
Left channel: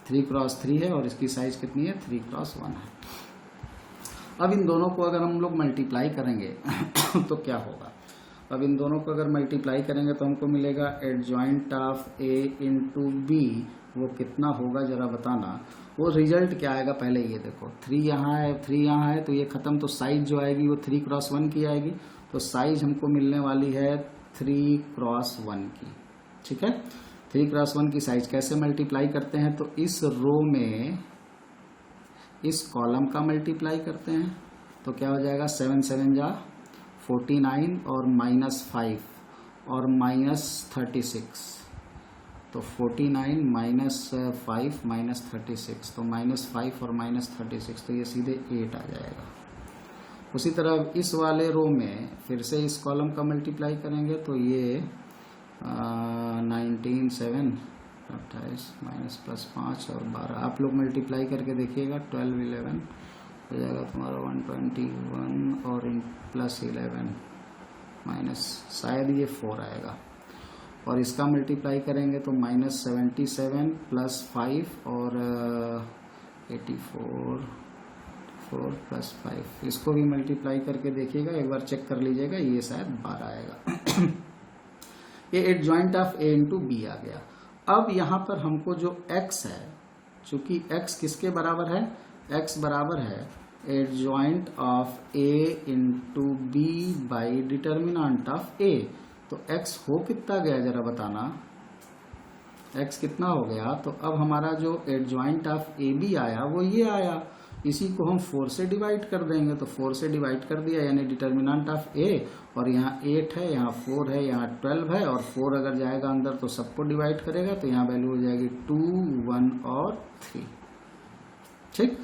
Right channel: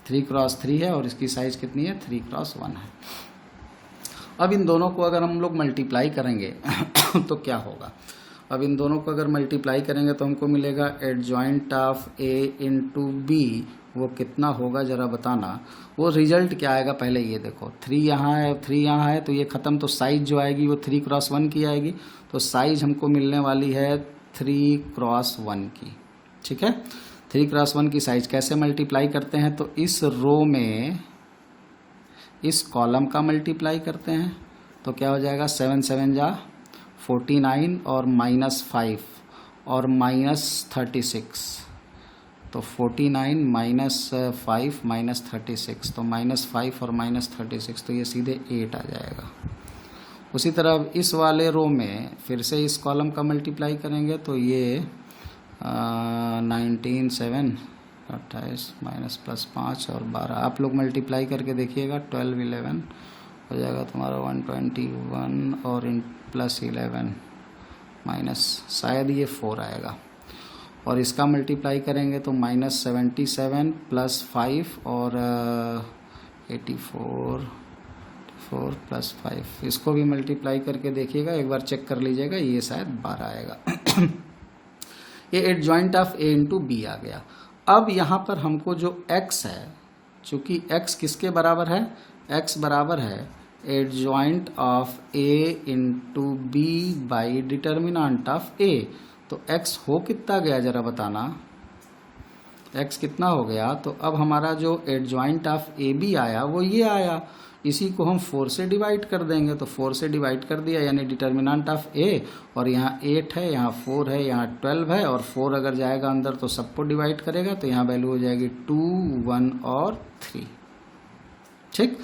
3 × 3 है और इसकी साइज़ कितनी है, 3 × 1 है। अब इन दोनों को अगर हम लोग मल्टीप्लाई करेंगे तो क्या होगा, अब इन दोनों को अगर मल्टीप्लाई करेंगे तो हमको मिलेगा एडजॉइंट ऑफ ए × बी, वो कितना होगा ज़रा बताना। वो रिजल्ट क्या आएगा पहले ये देखो, 3 यहाँ है 3 यहाँ है तो ये ख़त्म, तो साइज़ जो आएगी वो 3 × 1 की आएगी। तो साइज़ हमको मिलने वाली है 3 × 1 की। ठीक है, 3 × 1 की साइज़ कैसे मल्टीप्लाई करते हैं, तो इस रो में इस कॉलम का मल्टीप्लाई करते हैं तो क्या हो जाएगा, 7 7 जा 49 और -5 और -36, तो 49 -5 -36, तो -5 और -36, तो ये सीधे 8 आ जाएगा। उसी तरह अब इस वाले रो में फिर से इस कॉलम का मल्टीप्लाई करेंगे तो ये 19 7 28 -+5 और 12, आप लोग मल्टीप्लाई करके देखिएगा, 12 11 हो जाएगा तुम्हारा 121 और +11 माइनस शायद ये 4 आएगा, और इसका मल्टीप्लाई करेंगे तो -77 +5 और 84 4 + 5, इसको भी मल्टीप्लाई करके देखिएगा, एक बार चेक कर लीजिएगा, ये शायद 12 आएगा। ये adjoint of A into B आ गया। अब यहाँ पर हमको जो x है, चूँकि x किसके बराबर है, x बराबर है adjoint of a into B by determinant of a, तो x हो कितना गया ज़रा बताना, x कितना हो गया, तो अब हमारा जो एडजॉइंट ऑफ ए बी आया वो ये आया, इसी को हम 4 से डिवाइड कर देंगे, तो 4 से डिवाइड कर दिया यानी डिटर्मिनेंट ऑफ ए, और यहाँ 8 है, यहाँ 4 है, यहाँ 12 है, और 4 अगर जाएगा अंदर तो सबको डिवाइड करेगा, तो यहाँ वैल्यू हो जाएगी 2 1 और 3। ठीक,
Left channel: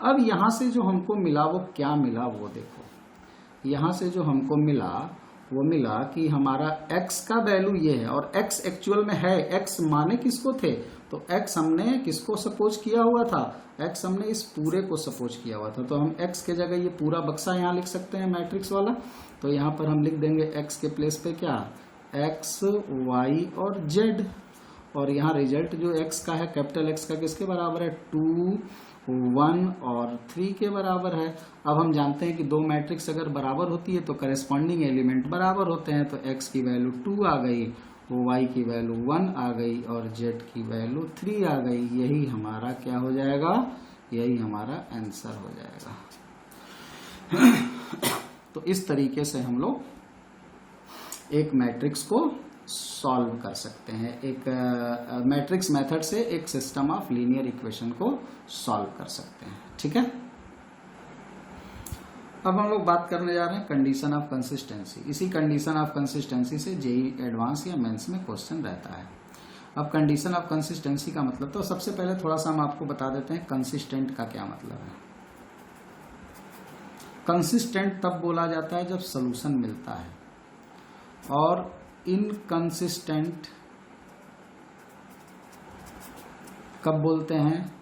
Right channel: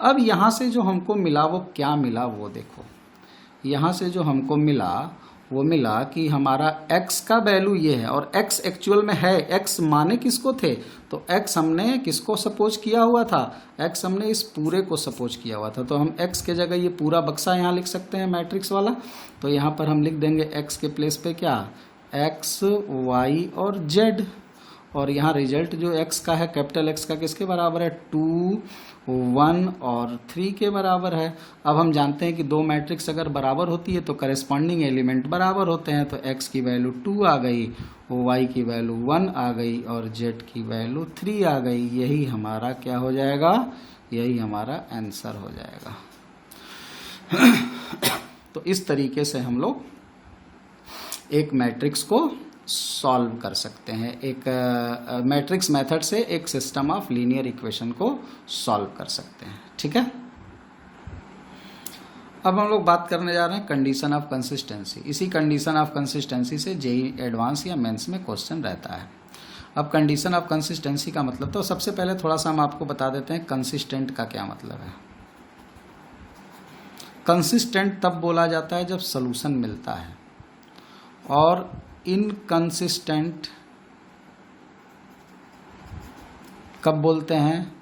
अब यहाँ से जो हमको मिला वो क्या मिला वो देखो, यहाँ से जो हमको मिला वो मिला कि हमारा x का वैल्यू ये है, और x एक्चुअल में है, x माने किसको थे, तो x हमने किसको सपोज किया हुआ था, x हमने इस पूरे को सपोज किया हुआ था, तो हम x के जगह ये पूरा बक्सा यहाँ लिख सकते हैं मैट्रिक्स वाला, तो यहाँ पर हम लिख देंगे x के प्लेस पे क्या, x y और z, और यहाँ रिजल्ट जो x का है कैपिटल X का किसके बराबर है, 2 1 और 3 के बराबर है। अब हम जानते हैं कि दो मैट्रिक्स अगर बराबर होती है तो करेस्पॉन्डिंग एलिमेंट बराबर होते हैं, तो x की वैल्यू 2 आ गई, y की वैल्यू 1 आ गई और z की वैल्यू 3 आ गई, यही हमारा क्या हो जाएगा, यही हमारा आंसर हो जाएगा। तो इस तरीके से हम लोग एक मैट्रिक्स को सॉल्व कर सकते हैं, एक मैट्रिक्स मेथड से एक सिस्टम ऑफ लीनियर इक्वेशन को सॉल्व कर सकते हैं। ठीक है, अब हम लोग बात करने जा रहे हैं कंडीशन ऑफ कंसिस्टेंसी। इसी कंडीशन ऑफ कंसिस्टेंसी से जेई एडवांस या मेंस में क्वेश्चन रहता है। अब कंडीशन ऑफ कंसिस्टेंसी का मतलब, तो सबसे पहले थोड़ा सा हम आपको बता देते हैं कंसिस्टेंट का क्या मतलब है। कंसिस्टेंट तब बोला जाता है जब सॉल्यूशन मिलता है, और इनकंसिस्टेंट कब बोलते हैं,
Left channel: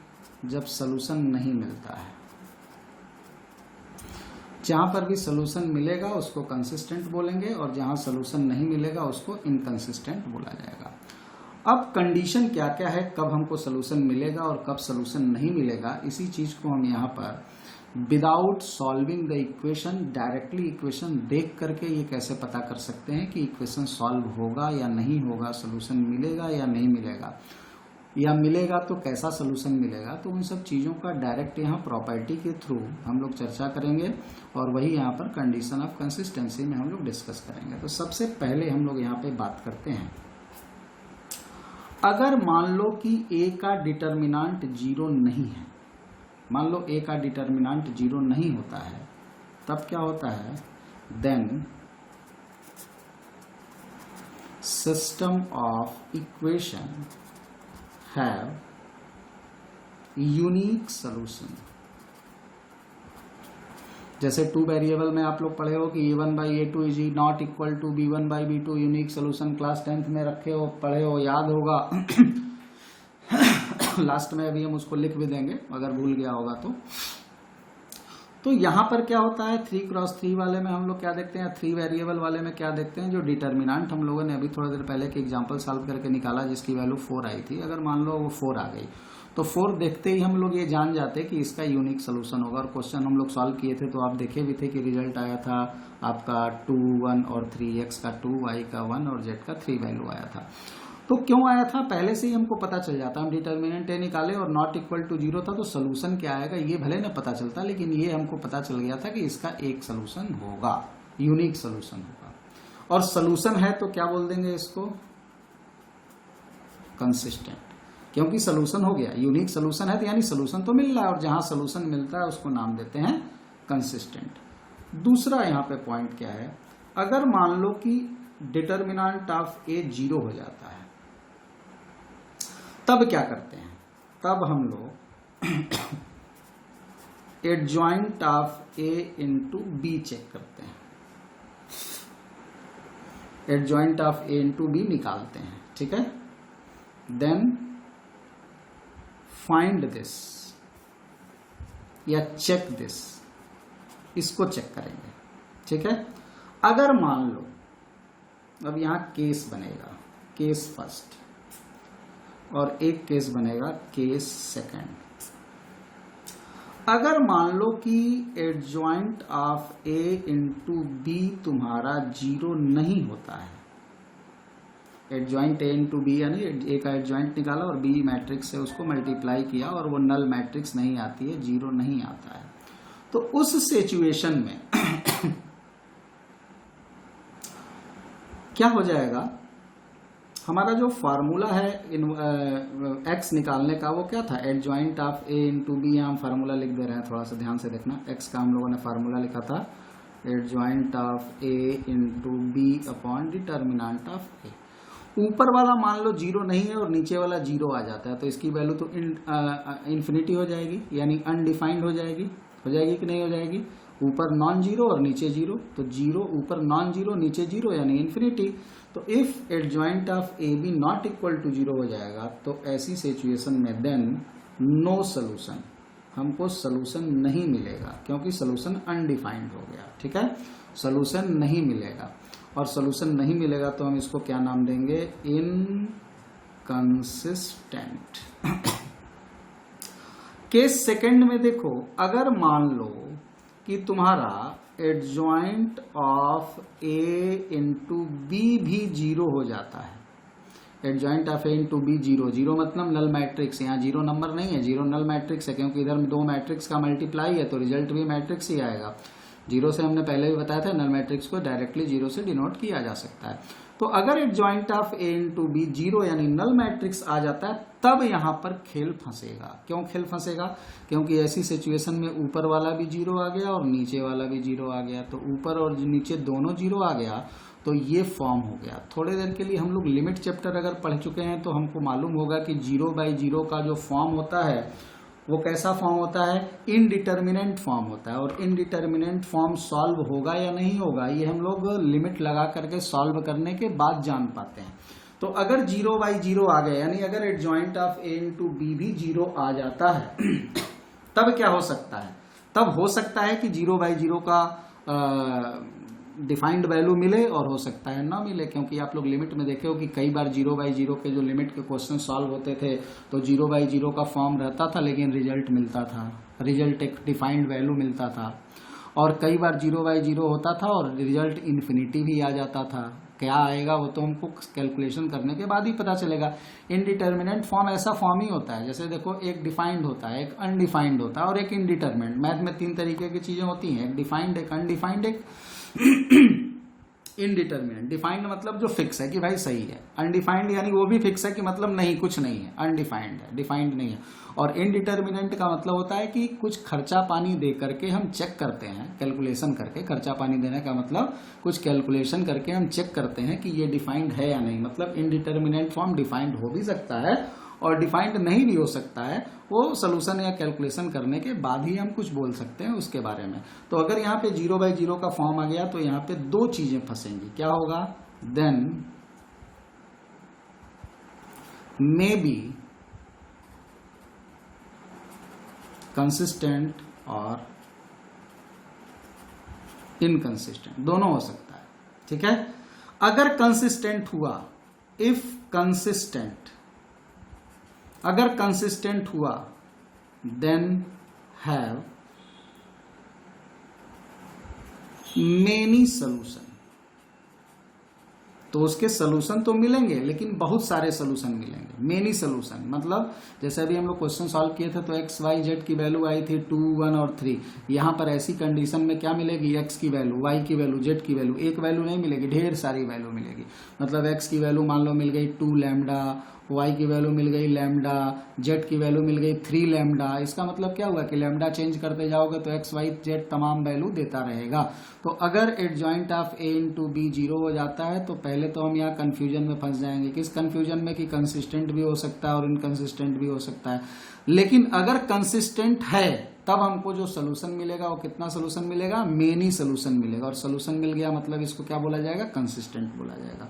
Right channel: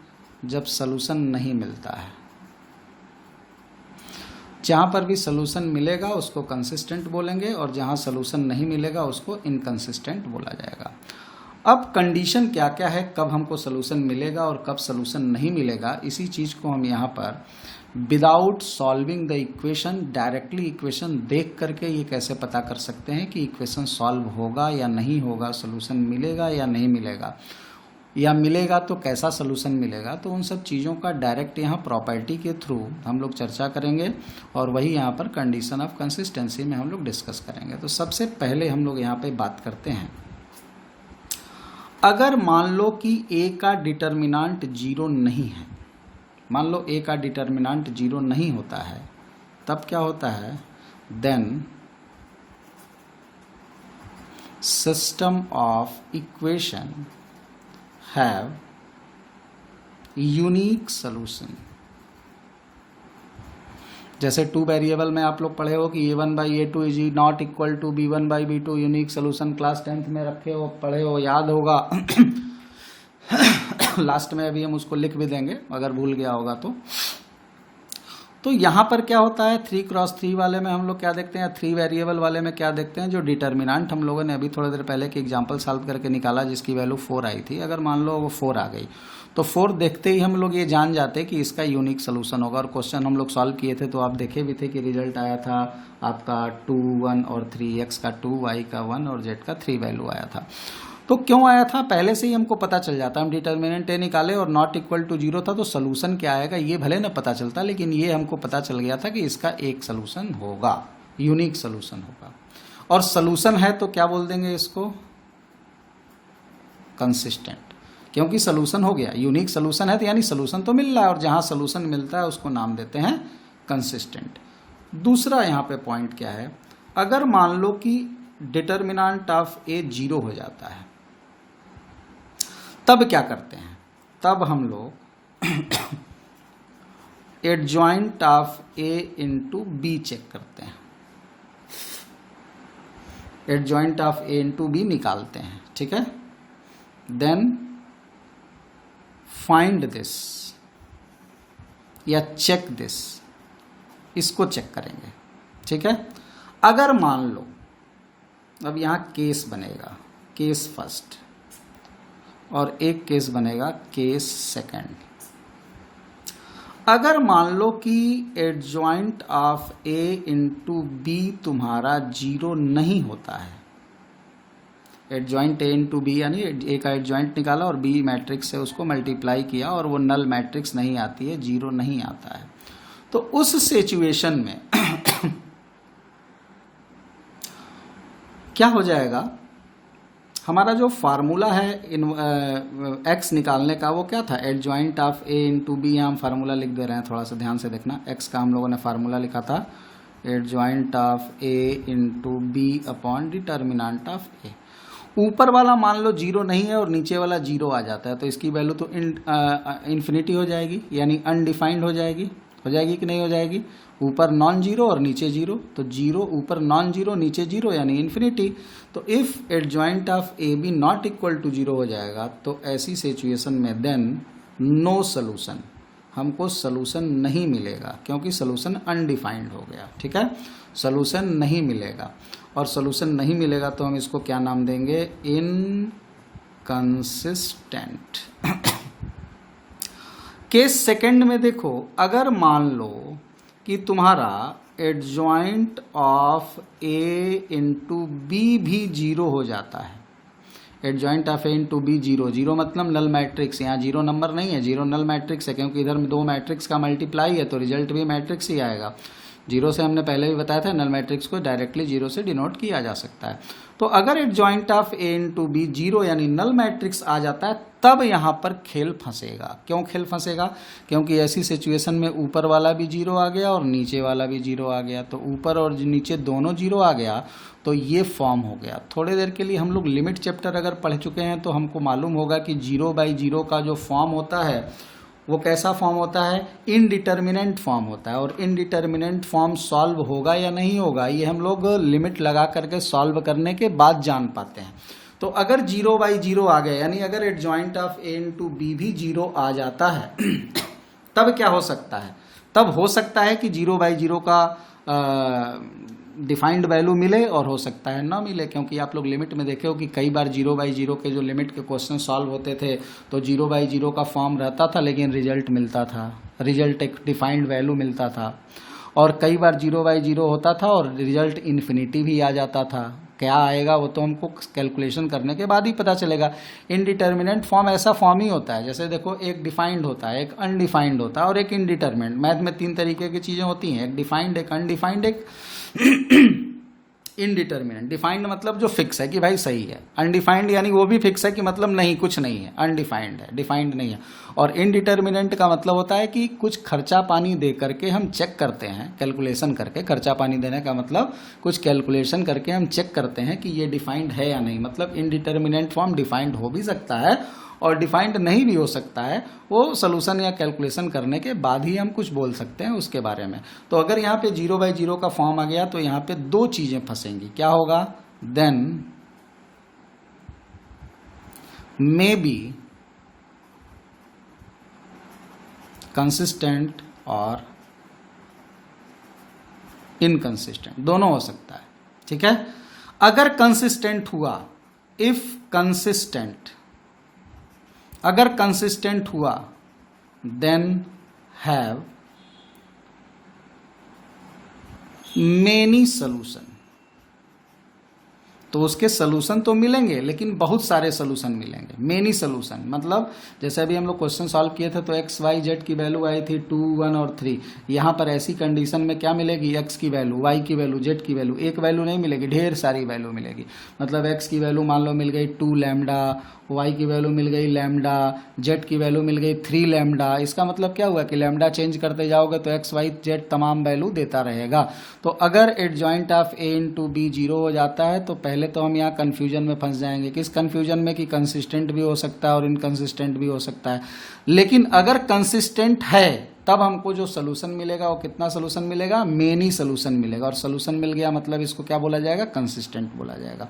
जब सॉल्यूशन नहीं मिलता है। जहाँ पर भी सॉल्यूशन मिलेगा उसको कंसिस्टेंट बोलेंगे, और जहाँ सॉल्यूशन नहीं मिलेगा उसको इनकंसिस्टेंट बोला जाएगा। अब कंडीशन क्या क्या है, कब हमको सॉल्यूशन मिलेगा और कब सॉल्यूशन नहीं मिलेगा, इसी चीज़ को हम यहाँ पर without solving the equation directly equation देख करके ये कैसे पता कर सकते हैं कि इक्वेशन सॉल्व होगा या नहीं होगा, सॉल्यूशन मिलेगा या नहीं मिलेगा, या मिलेगा तो कैसा सॉल्यूशन मिलेगा। तो उन सब चीज़ों का डायरेक्ट यहाँ प्रॉपर्टी के थ्रू हम लोग चर्चा करेंगे, और वही यहाँ पर कंडीशन ऑफ कंसिस्टेंसी में हम लोग डिस्कस करेंगे। तो सबसे पहले हम लोग यहाँ पे बात करते हैं, अगर मान लो कि a का डिटर्मिनांट 0 नहीं है, मान लो a का डिटर्मिनांट 0 नहीं होता है, तब क्या होता है, then system of equation have unique solution. जैसे 2 वेरिएबल में आप लोग पढ़े हो कि a1/a2 is not equal to b1/b2 unique solution, class 10th में रखे हो, पढ़े हो, याद होगा। लास्ट में अभी हम उसको लिख भी देंगे अगर भूल गया होगा तो यहाँ पर क्या होता है, 3x3 वाले में हम लोग क्या देखते हैं, 3 वेरिएबल वाले में क्या देखते हैं, जो डिटर्मिनेंट हम लोगों ने अभी थोड़ी देर पहले की एग्जांपल सॉल्व करके निकाला जिसकी वैल्यू 4 आई थी, अगर मान लो वो 4 आ गई तो 4 देखते ही हम लोग ये जान जाते कि इसका यूनिक सोल्यूशन होगा। और क्वेश्चन हम लोग सॉल्व किए थे तो आप देखे भी थे कि रिजल्ट आया था आपका 2 1 और 3, x का 2, y का 1 और z का 3 वैल्यू आया था। तो क्यों आया था, पहले से ही हमको पता चल जाता, हम डिटर्मिनेंट ए निकाले और नॉट इक्वल टू 0 था, तो सोल्यूशन क्या आएगा ये भले ना पता चलता, लेकिन ये हमको पता चल गया था कि इसका एक सोल्यूशन होगा, यूनिक सोल्यूशन होगा। और सोल्यूशन है तो क्या बोल देंगे इसको, कंसिस्टेंट। क्योंकि सोल्यूशन हो गया, यूनिक सोल्यूशन है तो यानी सोल्यूशन तो मिल रहा है, और जहाँ सोल्यूशन मिलता है उसको नाम देते हैं कंसिस्टेंट। दूसरा यहाँ पे पॉइंट क्या है, अगर मान लो कि डिटर्मिनेंट ऑफ ए 0 हो जाता है, तब क्या करते हैं, तब हम लोग adjoint of A into B check करते हैं, adjoint of A into B निकालते हैं, ठीक है। देन फाइंड दिस या चेक दिस, इसको चेक करेंगे, ठीक है। अगर मान लो, अब यहाँ केस बनेगा, केस फर्स्ट, और एक केस बनेगा केस सेकंड। अगर मान लो कि adjoint of A into B तुम्हारा 0 नहीं होता है, एडजॉइंट ए इंटू बी यानी ए का एडजॉइंट निकाला और बी मैट्रिक्स से उसको मल्टीप्लाई किया और वो नल मैट्रिक्स नहीं आती है, 0 नहीं आता है, तो उस सिचुएशन में क्या हो जाएगा, हमारा जो फार्मूला है एक्स निकालने का वो क्या था, adjoint of A into B, हम फार्मूला लिख दे रहे हैं, थोड़ा सा ध्यान से देखना। एक्स का हम लोगों ने फार्मूला लिखा था adjoint of A into B upon determinant of A. ऊपर वाला मान लो 0 नहीं है और नीचे वाला 0 आ जाता है, तो इसकी वैल्यू तो इन्फिनिटी हो जाएगी, यानी अनडिफाइंड हो जाएगी कि नहीं हो जाएगी। ऊपर नॉन जीरो और नीचे 0, तो 0 ऊपर नॉन जीरो नीचे 0 यानी इन्फिनिटी। तो if adjoint of A B not equal to 0 हो जाएगा, तो ऐसी सिचुएशन में देन नो सोल्यूशन, हमको सोल्यूशन नहीं मिलेगा, क्योंकि सोल्यूशन अनडिफाइंड हो गया, ठीक है। सोल्यूशन नहीं मिलेगा, और सोल्यूशन नहीं मिलेगा तो हम इसको क्या नाम देंगे, इनकंसिस्टेंट। केस सेकंड में देखो, अगर मान लो कि तुम्हारा adjoint of A into B भी 0 हो जाता है, adjoint of A into B 0 मतलब नल मैट्रिक्स, यहाँ 0 नंबर नहीं है, 0 नल मैट्रिक्स है, क्योंकि इधर में 2 मैट्रिक्स का मल्टीप्लाई है, तो रिजल्ट भी मैट्रिक्स ही आएगा। 0 से हमने पहले भी बताया था, नल मैट्रिक्स को डायरेक्टली 0 से डिनोट किया जा सकता है। तो अगर adjoint of A into B 0 यानी नल मैट्रिक्स आ जाता है, तब यहाँ पर खेल फंसेगा। क्यों खेल फंसेगा, क्योंकि ऐसी सिचुएशन में ऊपर वाला भी 0 आ गया और नीचे वाला भी 0 आ गया, तो ऊपर और नीचे दोनों 0 आ गया, तो ये फॉर्म हो गया। थोड़ी देर के लिए हम लोग लिमिट चैप्टर अगर पढ़ चुके हैं तो हमको मालूम होगा कि 0/0 का जो फॉर्म होता है वो कैसा फॉर्म होता है, इनडिटर्मिनेंट फॉर्म होता है। और इनडिटर्मिनेंट फॉर्म सॉल्व होगा या नहीं होगा, ये हम लोग लिमिट लगा करके सॉल्व करने के बाद जान पाते हैं। तो अगर 0/0 आ गया, यानी अगर adjoint of A into B भी 0 आ जाता है तब क्या हो सकता है, तब हो सकता है कि 0/0 का डिफाइंड वैल्यू मिले और हो सकता है ना मिले, क्योंकि आप लोग लिमिट में देखे हो कि कई बार 0/0 के जो लिमिट के क्वेश्चन सॉल्व होते थे तो 0/0 का फॉर्म रहता था लेकिन रिजल्ट मिलता था, रिजल्ट एक डिफाइंड वैल्यू मिलता था। और कई बार 0/0 होता था और रिजल्ट इन्फिनिटी भी आ जाता था। क्या आएगा वो तो हमको कैलकुलेशन करने के बाद ही पता चलेगा। इनडिटर्मिनेंट फॉर्म ऐसा फॉर्म ही होता है, जैसे देखो एक डिफाइंड होता है, एक अनडिफाइंड होता है और एक इनडिटर्मिनेंट। मैथ में 3 तरीके की चीज़ें होती हैं, एक डिफाइंड, एक अनडिफाइंड, एक इनडिटर्मिनेंट। डिफाइंड मतलब जो फिक्स है कि भाई सही है, अनडिफाइंड यानी वो भी फिक्स है कि मतलब नहीं, कुछ नहीं है, अनडिफाइंड है, डिफाइंड नहीं है। और इनडिटर्मिनेंट का मतलब होता है कि कुछ खर्चा पानी दे करके हम चेक करते हैं, कैलकुलेशन करके। खर्चा पानी देने का मतलब कुछ कैलकुलेशन करके हम चेक करते हैं कि ये डिफाइंड है या नहीं। मतलब इनडिटर्मिनेंट फॉर्म डिफाइंड हो भी सकता है और डिफाइंड नहीं भी हो सकता है, वो सोल्यूशन या कैलकुलेशन करने के बाद ही हम कुछ बोल सकते हैं उसके बारे में। तो अगर यहाँ पे 0/0 का फॉर्म आ गया तो यहाँ पे 2 चीज़ें फंसेंगी। क्या होगा, देन मे बी कंसिस्टेंट और इनकंसिस्टेंट, दोनों हो सकता है, ठीक है। अगर कंसिस्टेंट हुआ, इफ कंसिस्टेंट, अगर कंसिस्टेंट हुआ देन हैव मेनी सॉल्यूशन, तो उसके सॉल्यूशन तो मिलेंगे लेकिन बहुत सारे सॉल्यूशन मिलेंगे। मेनी सॉल्यूशन मतलब जैसे अभी हम लोग क्वेश्चन सॉल्व किए थे तो x, y, z की वैल्यू आई थी 2, 1 और 3। यहाँ पर ऐसी कंडीशन में क्या मिलेगी, x की वैल्यू, y की वैल्यू, z की वैल्यू। एक वैल्यू नहीं मिलेगी, ढेर सारी वैल्यू मिलेगी। मतलब x की वैल्यू मान लो मिल गई 2 लैम्डा y की वैल्यू मिल गई लैम्डा, z की वैल्यू मिल गई 3 लैम्डा। इसका मतलब क्या हुआ कि लैम्डा चेंज करते जाओगे तो x y z तमाम वैल्यू देता रहेगा। तो अगर adjoint of a into B 0 हो जाता है तो पहले तो हम यहाँ कन्फ्यूजन में फंस जाएंगे। किस कन्फ्यूजन में कि कंसिस्टेंट भी हो सकता है और इनकंसिस्टेंट भी हो सकता है। लेकिन अगर कंसिस्टेंट है तब हमको जो सोल्यूशन मिलेगा वो कितना सोल्यूशन मिलेगा, मेनी सोल्यूशन मिलेगा। और सोल्यूशन मिल गया मतलब इसको क्या बोला जाएगा, कंसिस्टेंट बोला जाएगा।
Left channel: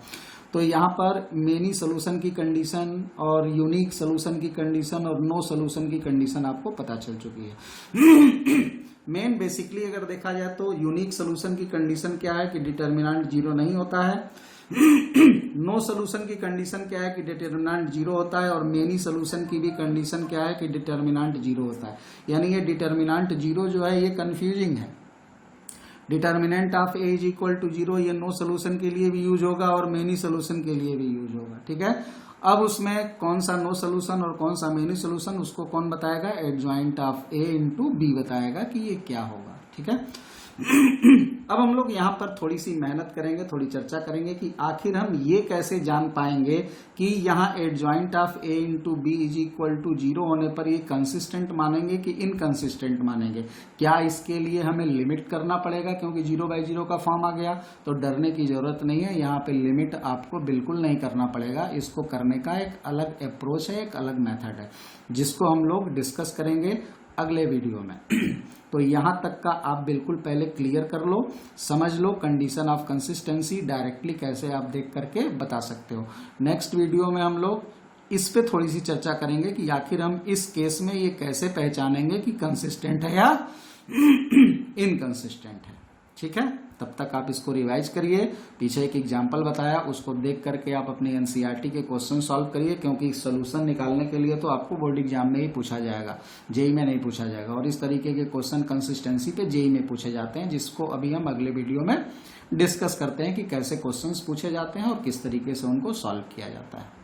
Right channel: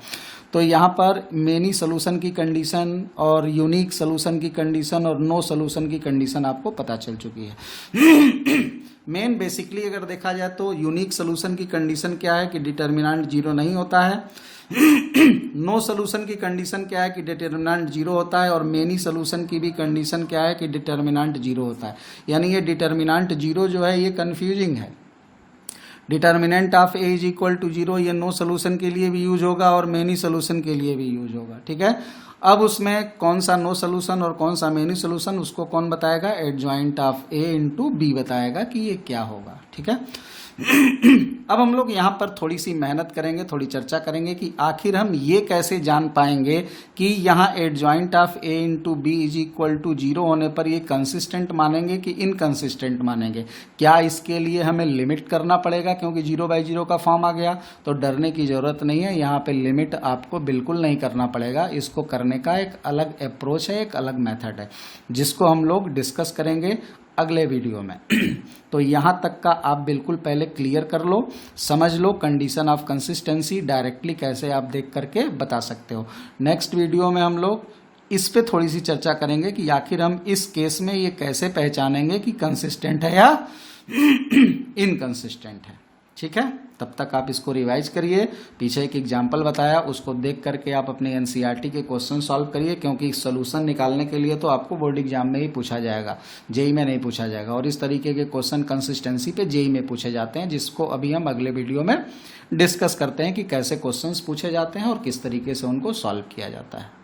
तो यहाँ पर मेनी सोल्यूशन की कंडीशन और यूनिक सोल्यूशन की कंडीशन और नो सोल्यूशन की कंडीशन आपको पता चल चुकी है। मेन बेसिकली अगर देखा जाए तो यूनिक सोल्यूशन की कंडीशन क्या है कि डिटर्मिनेंट 0 नहीं होता है। नो सोल्यूशन की कंडीशन क्या है कि डिटर्मिनेंट 0 होता है। और मेनी सोल्यूशन की भी कंडीशन क्या है कि डिटर्मिनेंट 0 होता है। यानी ये डिटर्मिनेंट 0 जो है ये कंफ्यूजिंग है। Determinant of A is equal to 0 ये नो सोल्यूशन के लिए भी यूज होगा और मेनी सोल्यूशन के लिए भी यूज होगा। ठीक है, अब उसमें कौन सा नो सोल्यूशन और कौन सा मेनी सोल्यूशन उसको कौन बताएगा, adjoint of A into B बताएगा कि ये क्या होगा। ठीक है, अब हम लोग यहाँ पर थोड़ी सी मेहनत करेंगे, थोड़ी चर्चा करेंगे कि आखिर हम ये कैसे जान पाएंगे कि यहाँ adjoint of A into B is equal to 0 होने पर ये कंसिस्टेंट मानेंगे कि इनकंसिस्टेंट मानेंगे। क्या इसके लिए हमें लिमिट करना पड़ेगा, क्योंकि 0/0 का फॉर्म आ गया तो डरने की ज़रूरत नहीं है। यहाँ पे लिमिट आपको बिल्कुल नहीं करना पड़ेगा। इसको करने का एक अलग अप्रोच है, एक अलग मेथड है, जिसको हम लोग डिस्कस करेंगे अगले वीडियो में। तो यहाँ तक का आप बिल्कुल पहले क्लियर कर लो, समझ लो कंडीशन ऑफ कंसिस्टेंसी डायरेक्टली कैसे आप देख करके बता सकते हो। नेक्स्ट वीडियो में हम लोग इस पे थोड़ी सी चर्चा करेंगे कि आखिर हम इस केस में ये कैसे पहचानेंगे कि कंसिस्टेंट है या इनकंसिस्टेंट है। ठीक है, तब तक आप इसको रिवाइज करिए। पीछे एक एग्जाम्पल बताया उसको देख करके आप अपने एनसीईआरटी के क्वेश्चन सॉल्व करिए, क्योंकि सोल्यूशन निकालने के लिए तो आपको बोर्ड एग्जाम में ही पूछा जाएगा, जेई में नहीं पूछा जाएगा। और इस तरीके के क्वेश्चन कंसिस्टेंसी पे जेई में पूछे जाते हैं, जिसको अभी हम अगले वीडियो में डिस्कस करते हैं कि कैसे क्वेश्चंस पूछे जाते हैं और किस तरीके से उनको सॉल्व किया जाता है।